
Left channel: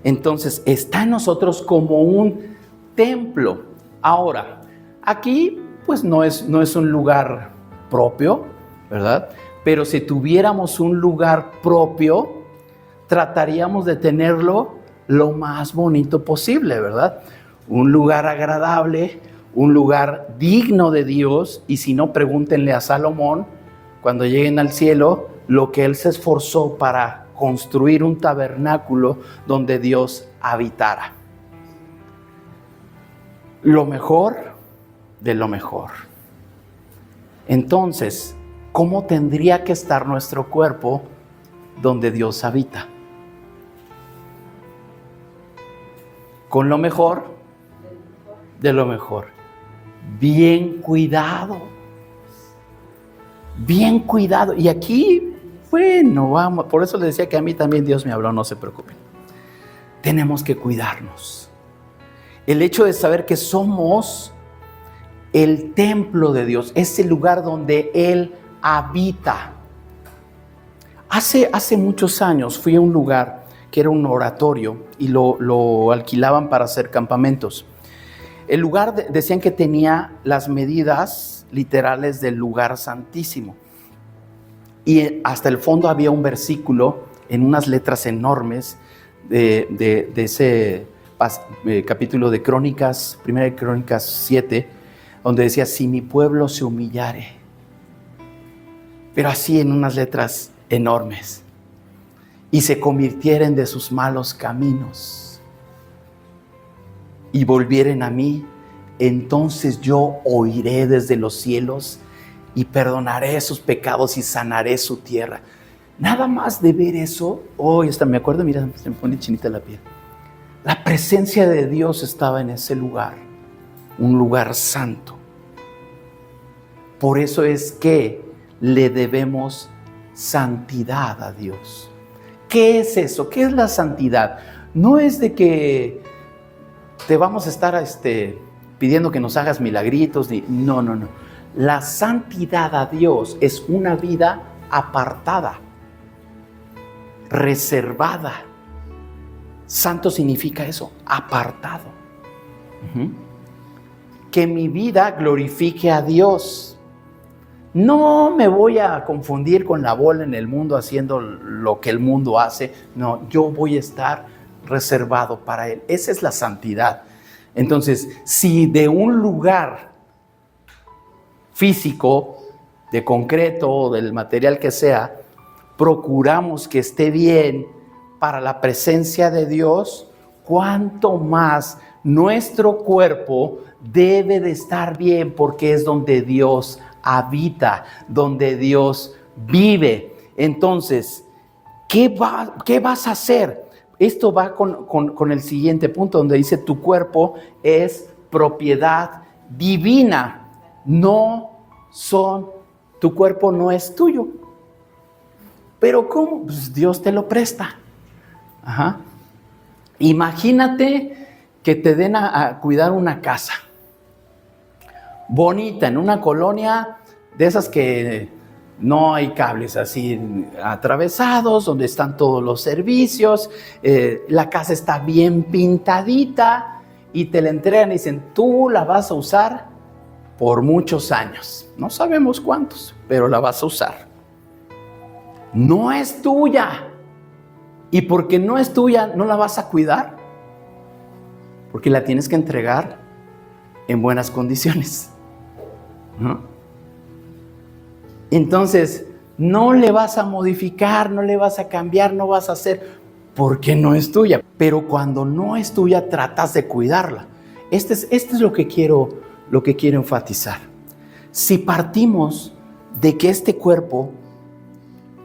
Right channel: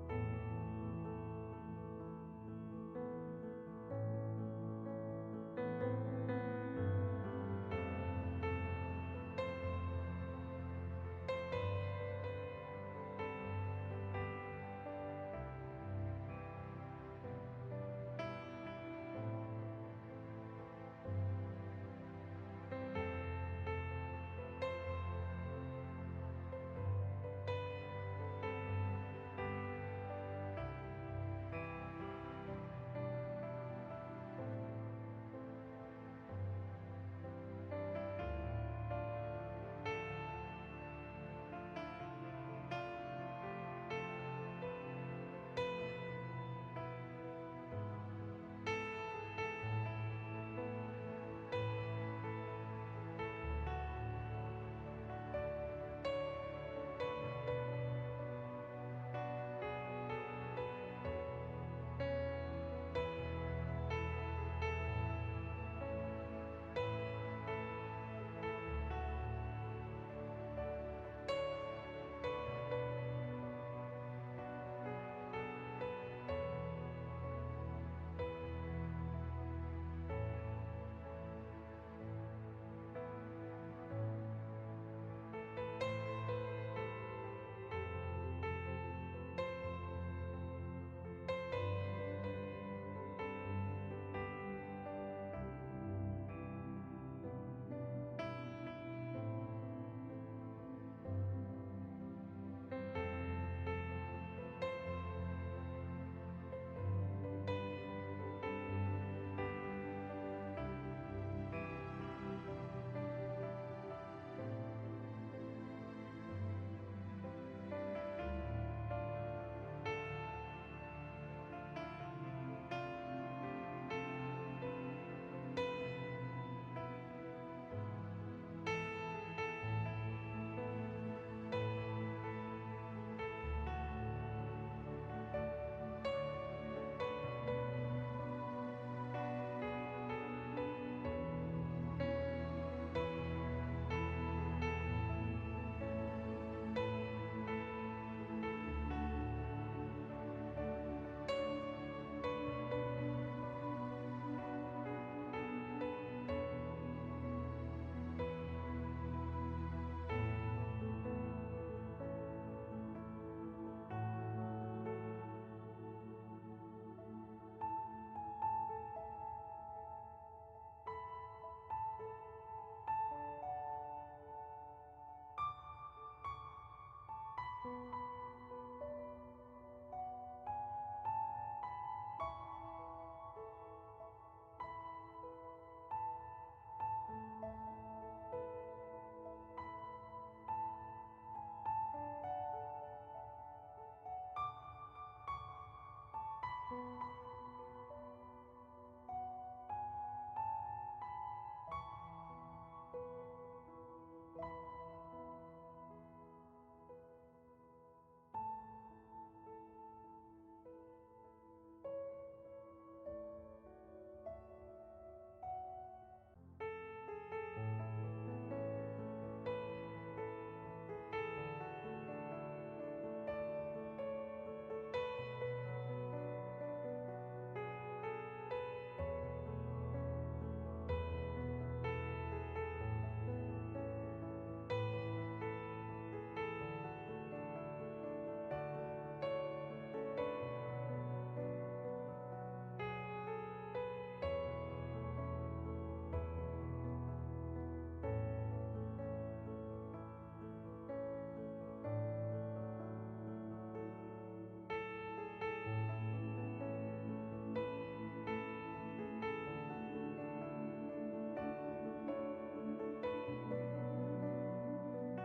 Entonces está en nosotros como un templo. Ahora, aquí pues no es un lugar propio, ¿verdad? Pero si tuviéramos un lugar propio, trataríamos de tenerlo lo más bonito posible, ¿verdad? Un lugar agradable, un lugar digno de Dios, y si no, pregúntenle a Salomón, cuando lleguen al cielo, lo que él se esforzó para construir un tabernáculo donde Dios habitara. Lo mejor de lo mejor. Entonces, ¿cómo tendría que estar nuestro cuerpo donde Dios habita? Con lo mejor de lo mejor. Bien cuidado. Bien cuidado. Y aquí, bueno, vamos, por eso les decía que a mí también Dios me habló, no se preocupen. Tenemos que cuidarnos. El hecho de saber que somos el templo de Dios, ese lugar donde Él habita. Hace muchos años fui a un lugar que era un oratorio y lo alquilaban para hacer campamentos. El lugar decían que tenía las medidas literales del lugar santísimo. Y hasta el fondo había un versículo en unas letras enormes de ese capítulo de Crónicas, primera de Crónicas 7, donde decía, si mi pueblo se humillare, pero así en unas letras enormes, y se convirtieren de sus malos caminos, y volvieren a mí, entonces yo oiré desde los cielos, y perdonaré sus pecados y sanaré su tierra. Nada más de ver eso, hasta me acuerdo, mira, se me pone chinita la piel. La presencia de Dios estaba en ese lugar, un lugar santo. Por eso es que le debemos santidad a Dios. ¿Qué es eso? ¿Qué es la santidad? No es de que te vamos a estar pidiendo que nos hagas milagritos. No. La santidad a Dios es una vida apartada, reservada. Santo significa eso, apartado. Que mi vida glorifique a Dios. No me voy a confundir con la bola en el mundo haciendo lo que el mundo hace. No, yo voy a estar reservado para Él. Esa es la santidad. Entonces, si de un lugar físico, de concreto o del material que sea, procuramos que esté bien para la presencia de Dios, cuánto más nuestro cuerpo debe de estar bien, porque es donde Dios habita, donde Dios vive. Entonces, ¿qué vas a hacer? Esto va con el siguiente punto, donde dice tu cuerpo es propiedad divina. Tu cuerpo no es tuyo. ¿Pero cómo? Pues Dios te lo presta. Imagínate que te den a cuidar una casa bonita, en una colonia de esas que no hay cables así atravesados, donde están todos los servicios, la casa está bien pintadita y te la entregan y dicen, tú la vas a usar por muchos años. No sabemos cuántos, pero la vas a usar. No es tuya. Y porque no es tuya, no la vas a cuidar, porque la tienes que entregar en buenas condiciones, ¿no? Entonces, no le vas a modificar, no le vas a cambiar, no vas a hacer, porque no es tuya. Pero cuando no es tuya, tratas de cuidarla. Este es lo que quiero enfatizar. Si partimos de que este cuerpo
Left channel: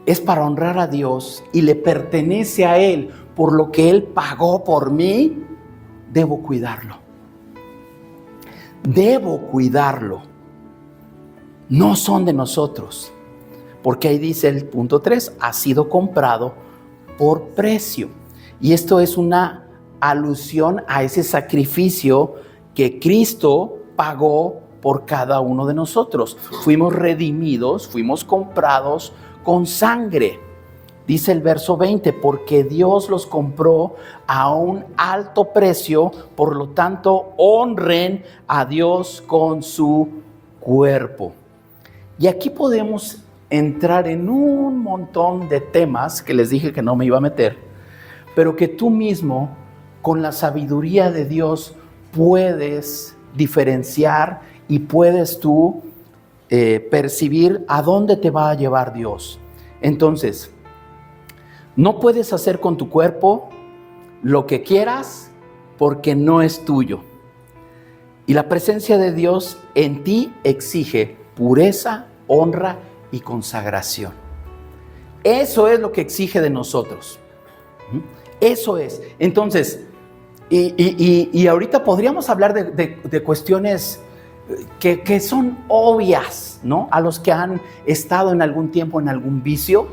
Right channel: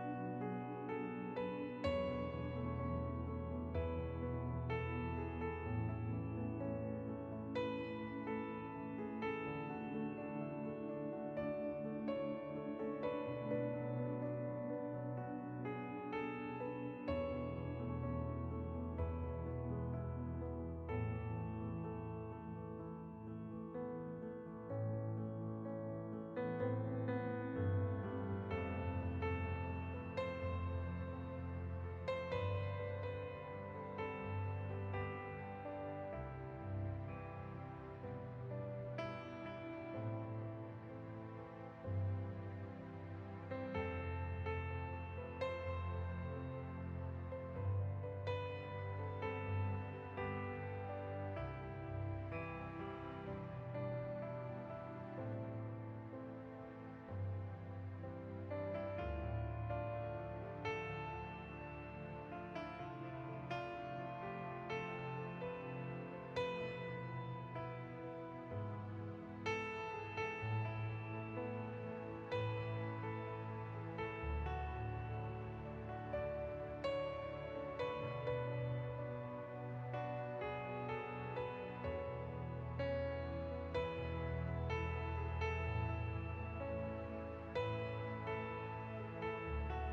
es para honrar a Dios y le pertenece a Él por lo que Él pagó por mí, debo cuidarlo. Debo cuidarlo. No son de nosotros. Porque ahí dice el punto 3, ha sido comprado por precio. Y esto es una alusión a ese sacrificio que Cristo pagó por cada uno de nosotros. Fuimos redimidos, fuimos comprados con sangre. Dice el verso 20, porque Dios los compró a un alto precio, por lo tanto honren a Dios con su cuerpo. Y aquí podemos entrar en un montón de temas que les dije que no me iba a meter, pero que tú mismo con la sabiduría de Dios puedes diferenciar y puedes tú percibir a dónde te va a llevar Dios. Entonces, no puedes hacer con tu cuerpo lo que quieras porque no es tuyo. Y la presencia de Dios en ti exige pureza, honra y consagración. Eso es lo que exige de nosotros. Eso es. Entonces, y ahorita podríamos hablar de cuestiones que son obvias, ¿no? A los que han estado en algún tiempo en algún vicio,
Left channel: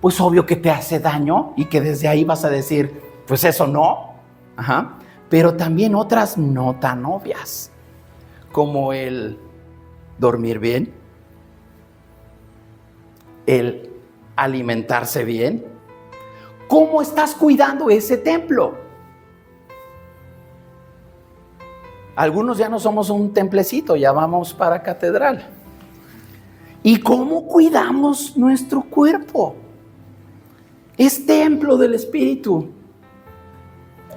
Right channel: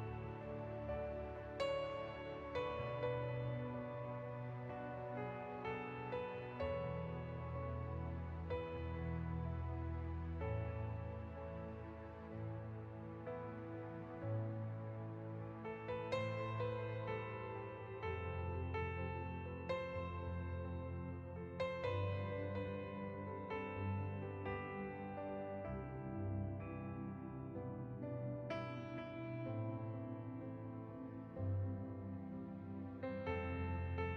pues obvio que te hace daño y que desde ahí vas a decir, pues eso no. Ajá. Pero también otras no tan obvias, como el dormir bien, el alimentarse bien. ¿Cómo estás cuidando ese templo? Algunos ya no somos un templecito, ya vamos para catedral. ¿Y cómo cuidamos nuestro cuerpo? Es templo del Espíritu.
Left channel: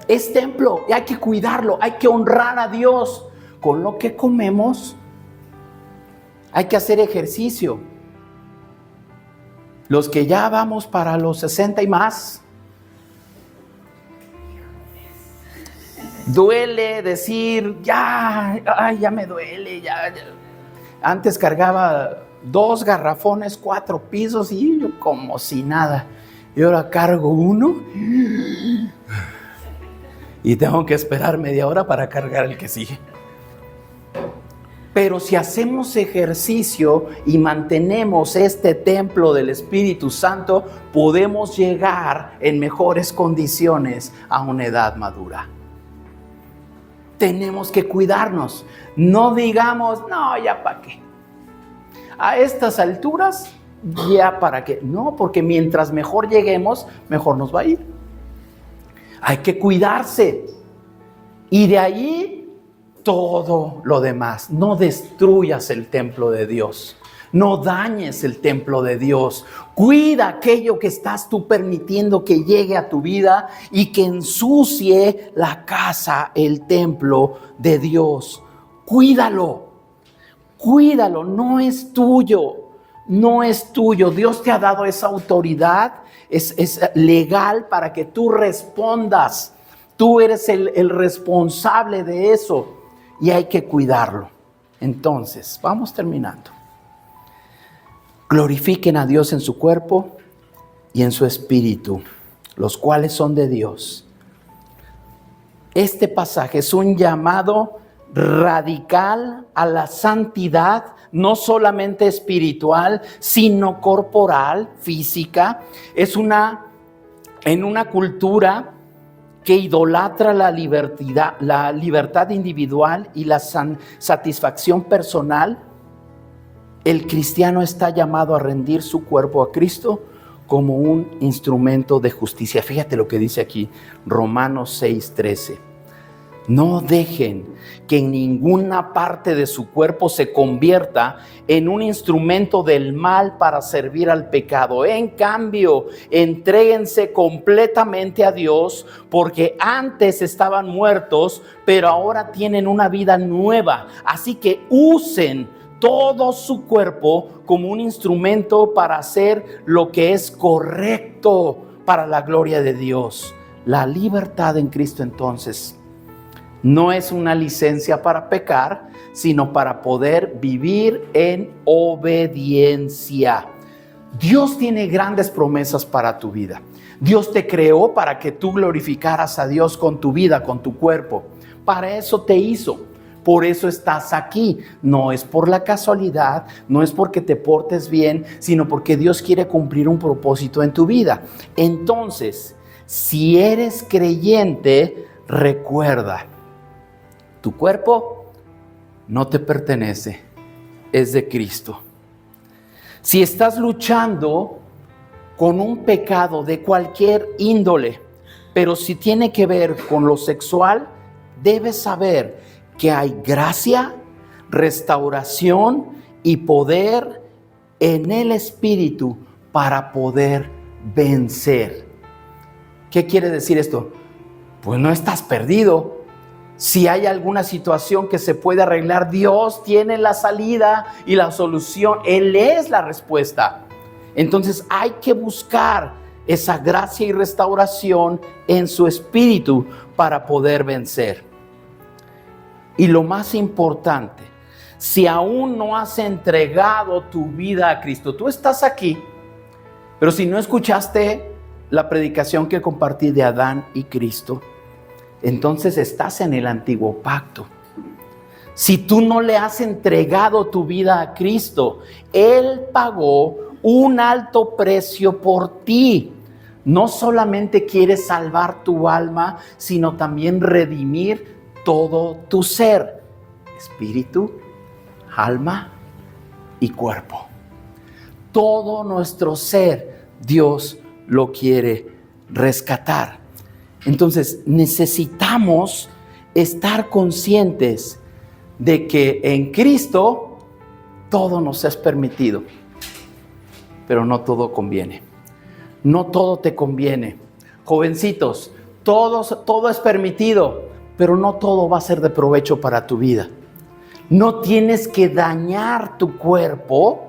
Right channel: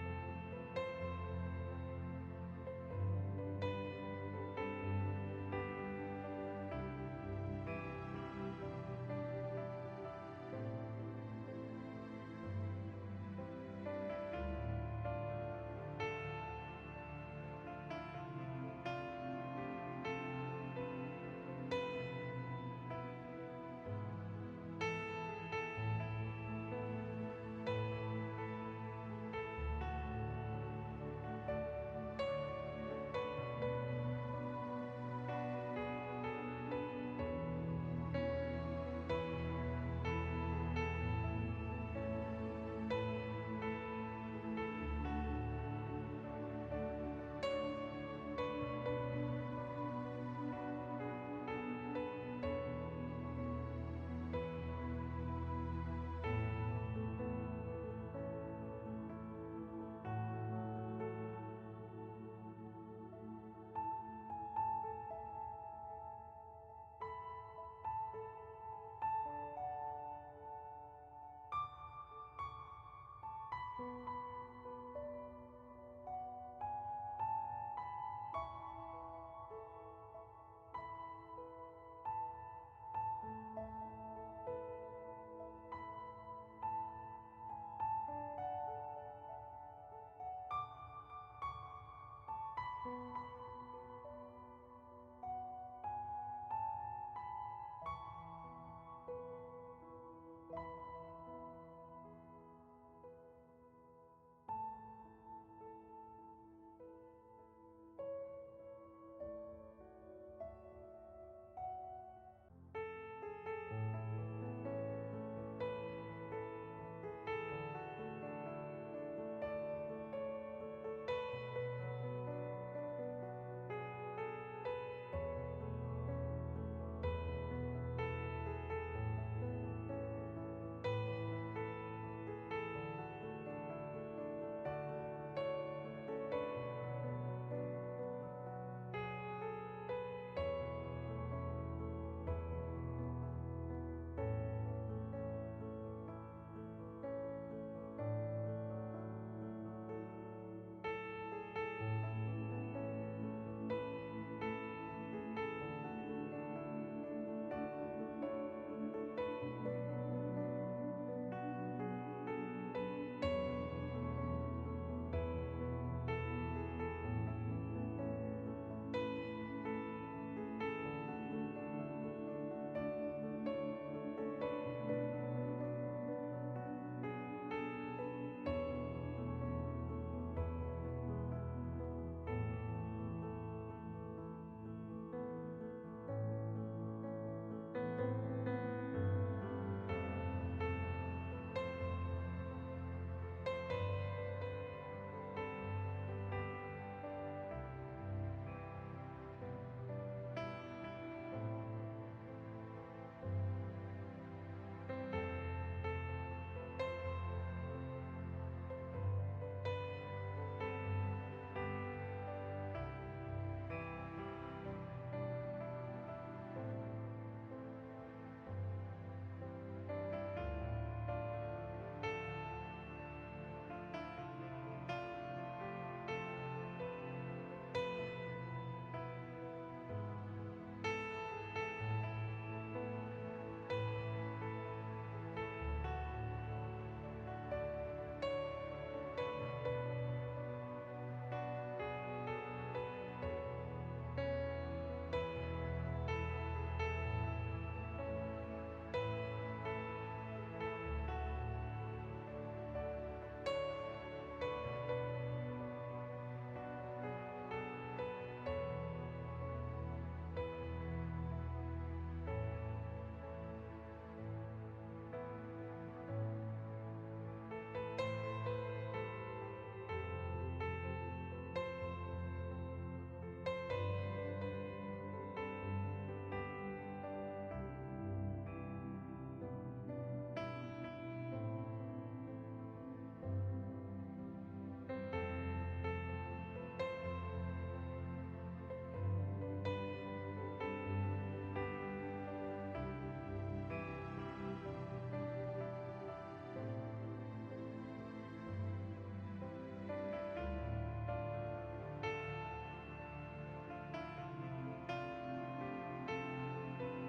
Es templo y hay que cuidarlo, hay que honrar a Dios con lo que comemos. Hay que hacer ejercicio. Los que ya vamos para los 60 y más, duele decir, ya me duele, ya. Antes cargaba 2 garrafones, 4 pisos y yo como si nada. Y ahora cargo 1 y tengo que esperar media hora para cargar el que sigue. Pero si hacemos ejercicio y mantenemos este templo del Espíritu Santo, podemos llegar en mejores condiciones a una edad madura. Tenemos que cuidarnos. No digamos, no, ya para qué. A estas alturas, ya para qué. No, porque mientras mejor lleguemos, mejor nos va a ir. Hay que cuidarse. Y de ahí todo lo demás. No destruyas el templo de Dios. No dañes el templo de Dios. Cuida aquello que estás tú permitiendo que llegue a tu vida y que ensucie la casa, el templo de Dios. Cuídalo. Cuídalo. No es tuyo. No es tuyo. Dios te ha dado esa autoridad. Es legal para que tú respondas. Tú eres el responsable de eso y hay que cuidarlo. Entonces, vamos terminando. Glorifiquen a Dios en su cuerpo y en su espíritu, los cuales son de Dios. Este pasaje es un llamado radical a la santidad, no solamente espiritual, sino corporal, física. Es en una cultura que idolatra la libertad individual y la satisfacción personal. El cristiano está llamado a rendir su cuerpo a Cristo como un instrumento de justicia. Fíjate lo que dice aquí, Romanos 6:13. No dejen que en ninguna parte de su cuerpo se convierta en un instrumento del mal para servir al pecado. En cambio, entréguense completamente a Dios, porque antes estaban muertos, pero ahora tienen una vida nueva. Así que usen todo su cuerpo como un instrumento para hacer lo que es correcto para la gloria de Dios. La libertad en Cristo, entonces, no es una licencia para pecar, sino para poder vivir en obediencia. Dios tiene grandes promesas para tu vida. Dios te creó para que tú glorificaras a Dios con tu vida, con tu cuerpo. Para eso te hizo. Por eso estás aquí. No es por la casualidad, no es porque te portes bien, sino porque Dios quiere cumplir un propósito en tu vida. Entonces, si eres creyente, recuerda, tu cuerpo no te pertenece, es de Cristo. Si estás luchando con un pecado de cualquier índole, pero si tiene que ver con lo sexual, debes saber que hay gracia, restauración y poder en el Espíritu para poder vencer. ¿Qué quiere decir esto? pues no estás perdido. Si hay alguna situación que se puede arreglar, Dios tiene la salida y la solución. Él es la respuesta. Entonces hay que buscar esa gracia y restauración en su espíritu para poder vencer. Y lo más importante, si aún no has entregado tu vida a Cristo, tú estás aquí, pero si no escuchaste la predicación que compartí de Adán y Cristo, entonces estás en el antiguo pacto. Si tú no le has entregado tu vida a Cristo, Él pagó un alto precio por ti. No solamente quiere salvar tu alma, sino también redimir todo tu ser, espíritu, alma y cuerpo. Todo nuestro ser, Dios lo quiere rescatar. Entonces necesitamos estar conscientes de que en Cristo todo nos es permitido, pero no todo conviene. No todo te conviene. Jovencitos, todo es permitido, pero no todo va a ser de provecho para tu vida. No tienes que dañar tu cuerpo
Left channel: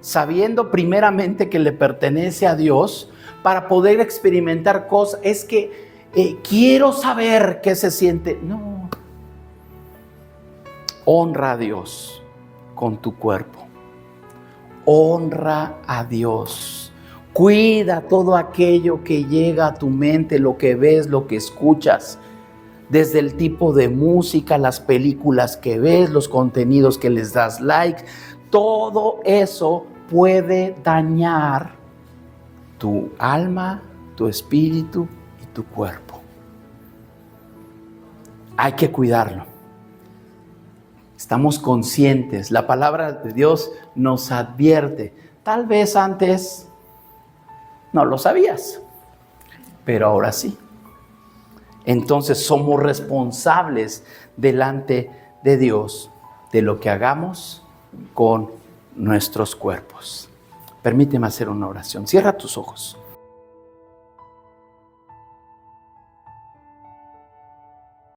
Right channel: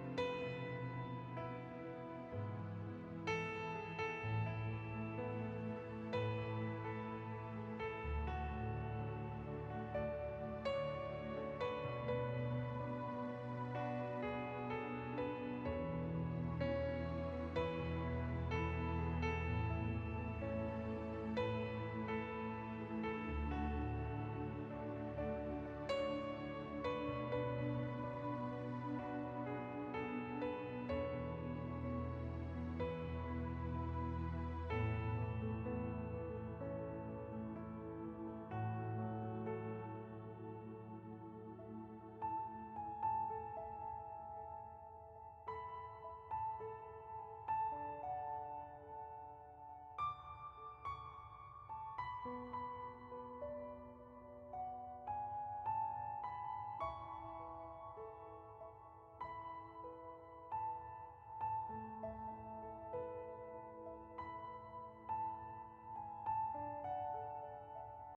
sabiendo primeramente que le pertenece a Dios para poder experimentar cosas. Es que quiero saber qué se siente. No. Honra a Dios con tu cuerpo. Honra a Dios. Cuida todo aquello que llega a tu mente, lo que ves, lo que escuchas. Desde el tipo de música, las películas que ves, los contenidos que les das like. Todo eso puede dañar tu alma, tu espíritu y tu cuerpo. Hay que cuidarlo. Estamos conscientes. La palabra de Dios nos advierte. Tal vez antes no lo sabías, pero ahora sí. Entonces somos responsables delante de Dios de lo que hagamos con nuestros cuerpos. Permíteme hacer una oración. Cierra tus ojos.